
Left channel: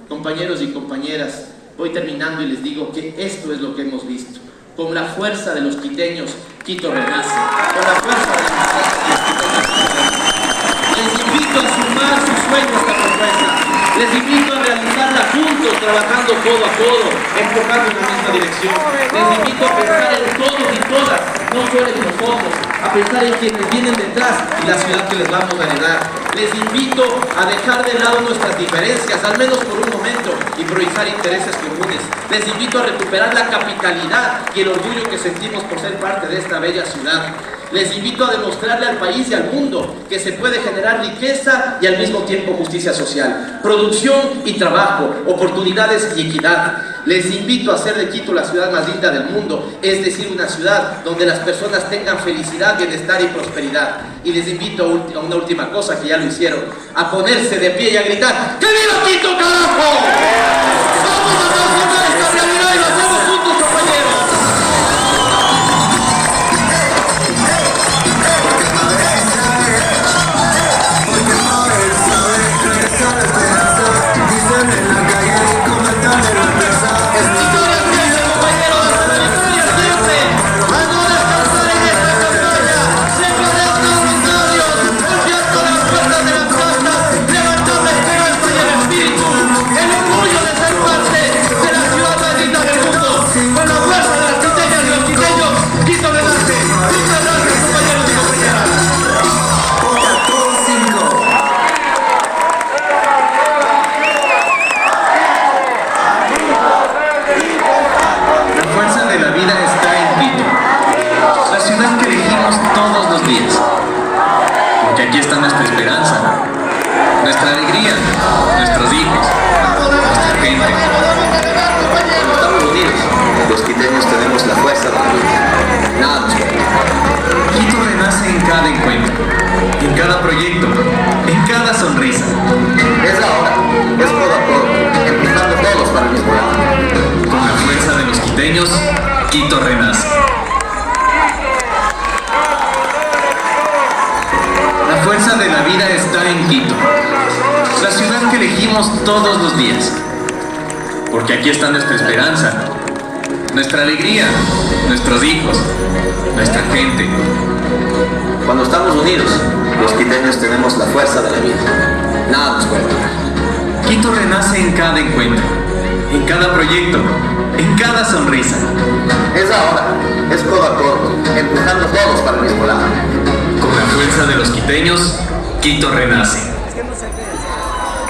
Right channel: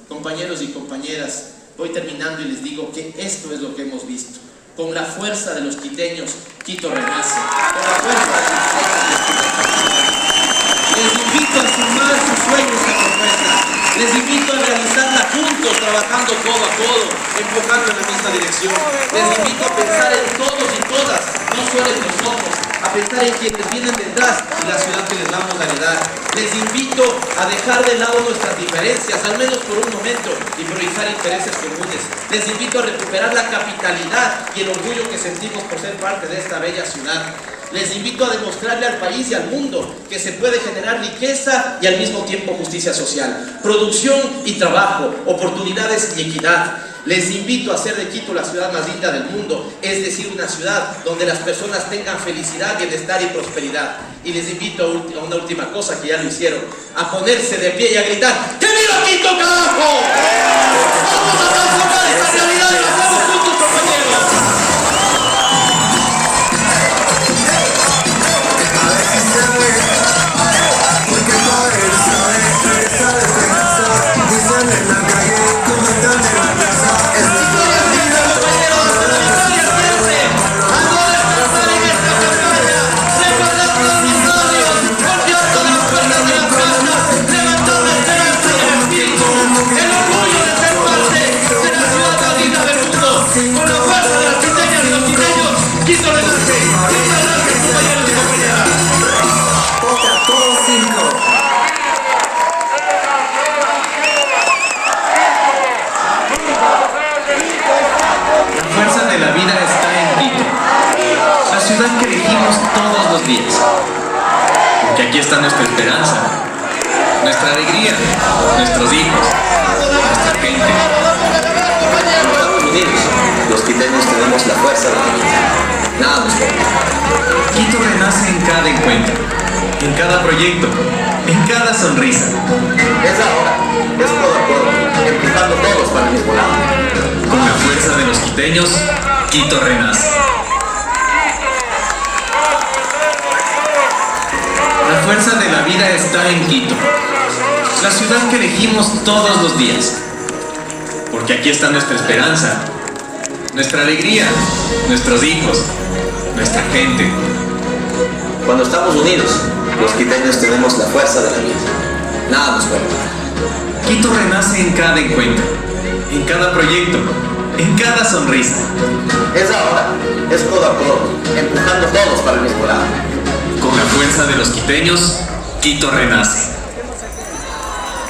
Compañeros y compañeras, voy terminando y les digo que esto es lo que hemos visto. Con la fuerza de los quiteños, Quito renace. Con la fuerza de los quiteños. Les invito a sumar sus sueños a esta propuesta. Les invito a realizarla juntos, trabajando codo a codo, enfocando en la misma dirección. Les invito a pensar en todos y todas, no solo en nosotros, a pensar en quienes vienen detrás y la ciudad que les vamos a heredar. Les invito a dejar de lado nuestras diferencias, al menos por un momento, y priorizar intereses comunes. Les invito a recuperar la capitalidad y el orgullo que sentimos por ser parte de esta bella ciudad. Les invito a demostrarle al país y al mundo que se puede generar riqueza y al mismo tiempo justicia social, producción y trabajo, oportunidades y equidad. Les invito a hacer de Quito la ciudad más linda del mundo, es decir, una ciudad donde las personas tengan felicidad, bienestar y prosperidad. Y les invito a una última cosa que ya lo hicieron, a ponerse de pie y a gritar: ¡que viva Quito, carajo! ¡Vamos a transformar esta realidad y lo hacemos juntos, compañeros! Porque aquí está nuestra esperanza, nuestra alegría, nuestros hijos, nuestra gente. Estamos unidos. Los quiteños tenemos la fuerza de la vida. Nada nos puede. Quito renace en cada encuentro, en cada proyecto, en cada sonrisa. Es ahora, es codo a codo, empujando todos para el mismo lado. Con la fuerza de los quiteños, Quito renace. La fuerza de la vida está en Quito, la ciudad que elegimos todos los días. Porque aquí está nuestra esperanza, nuestra alegría, nuestros hijos, nuestra gente. Cuando estamos unidos, los quiteños tenemos la fuerza de la vida. Nada nos puede parar. Quito renace en cada encuentro, en cada proyecto, en cada sonrisa. Es ahora, es codo a codo, empujando todos para el mismo lado. Con la fuerza de los quiteños, Quito renace.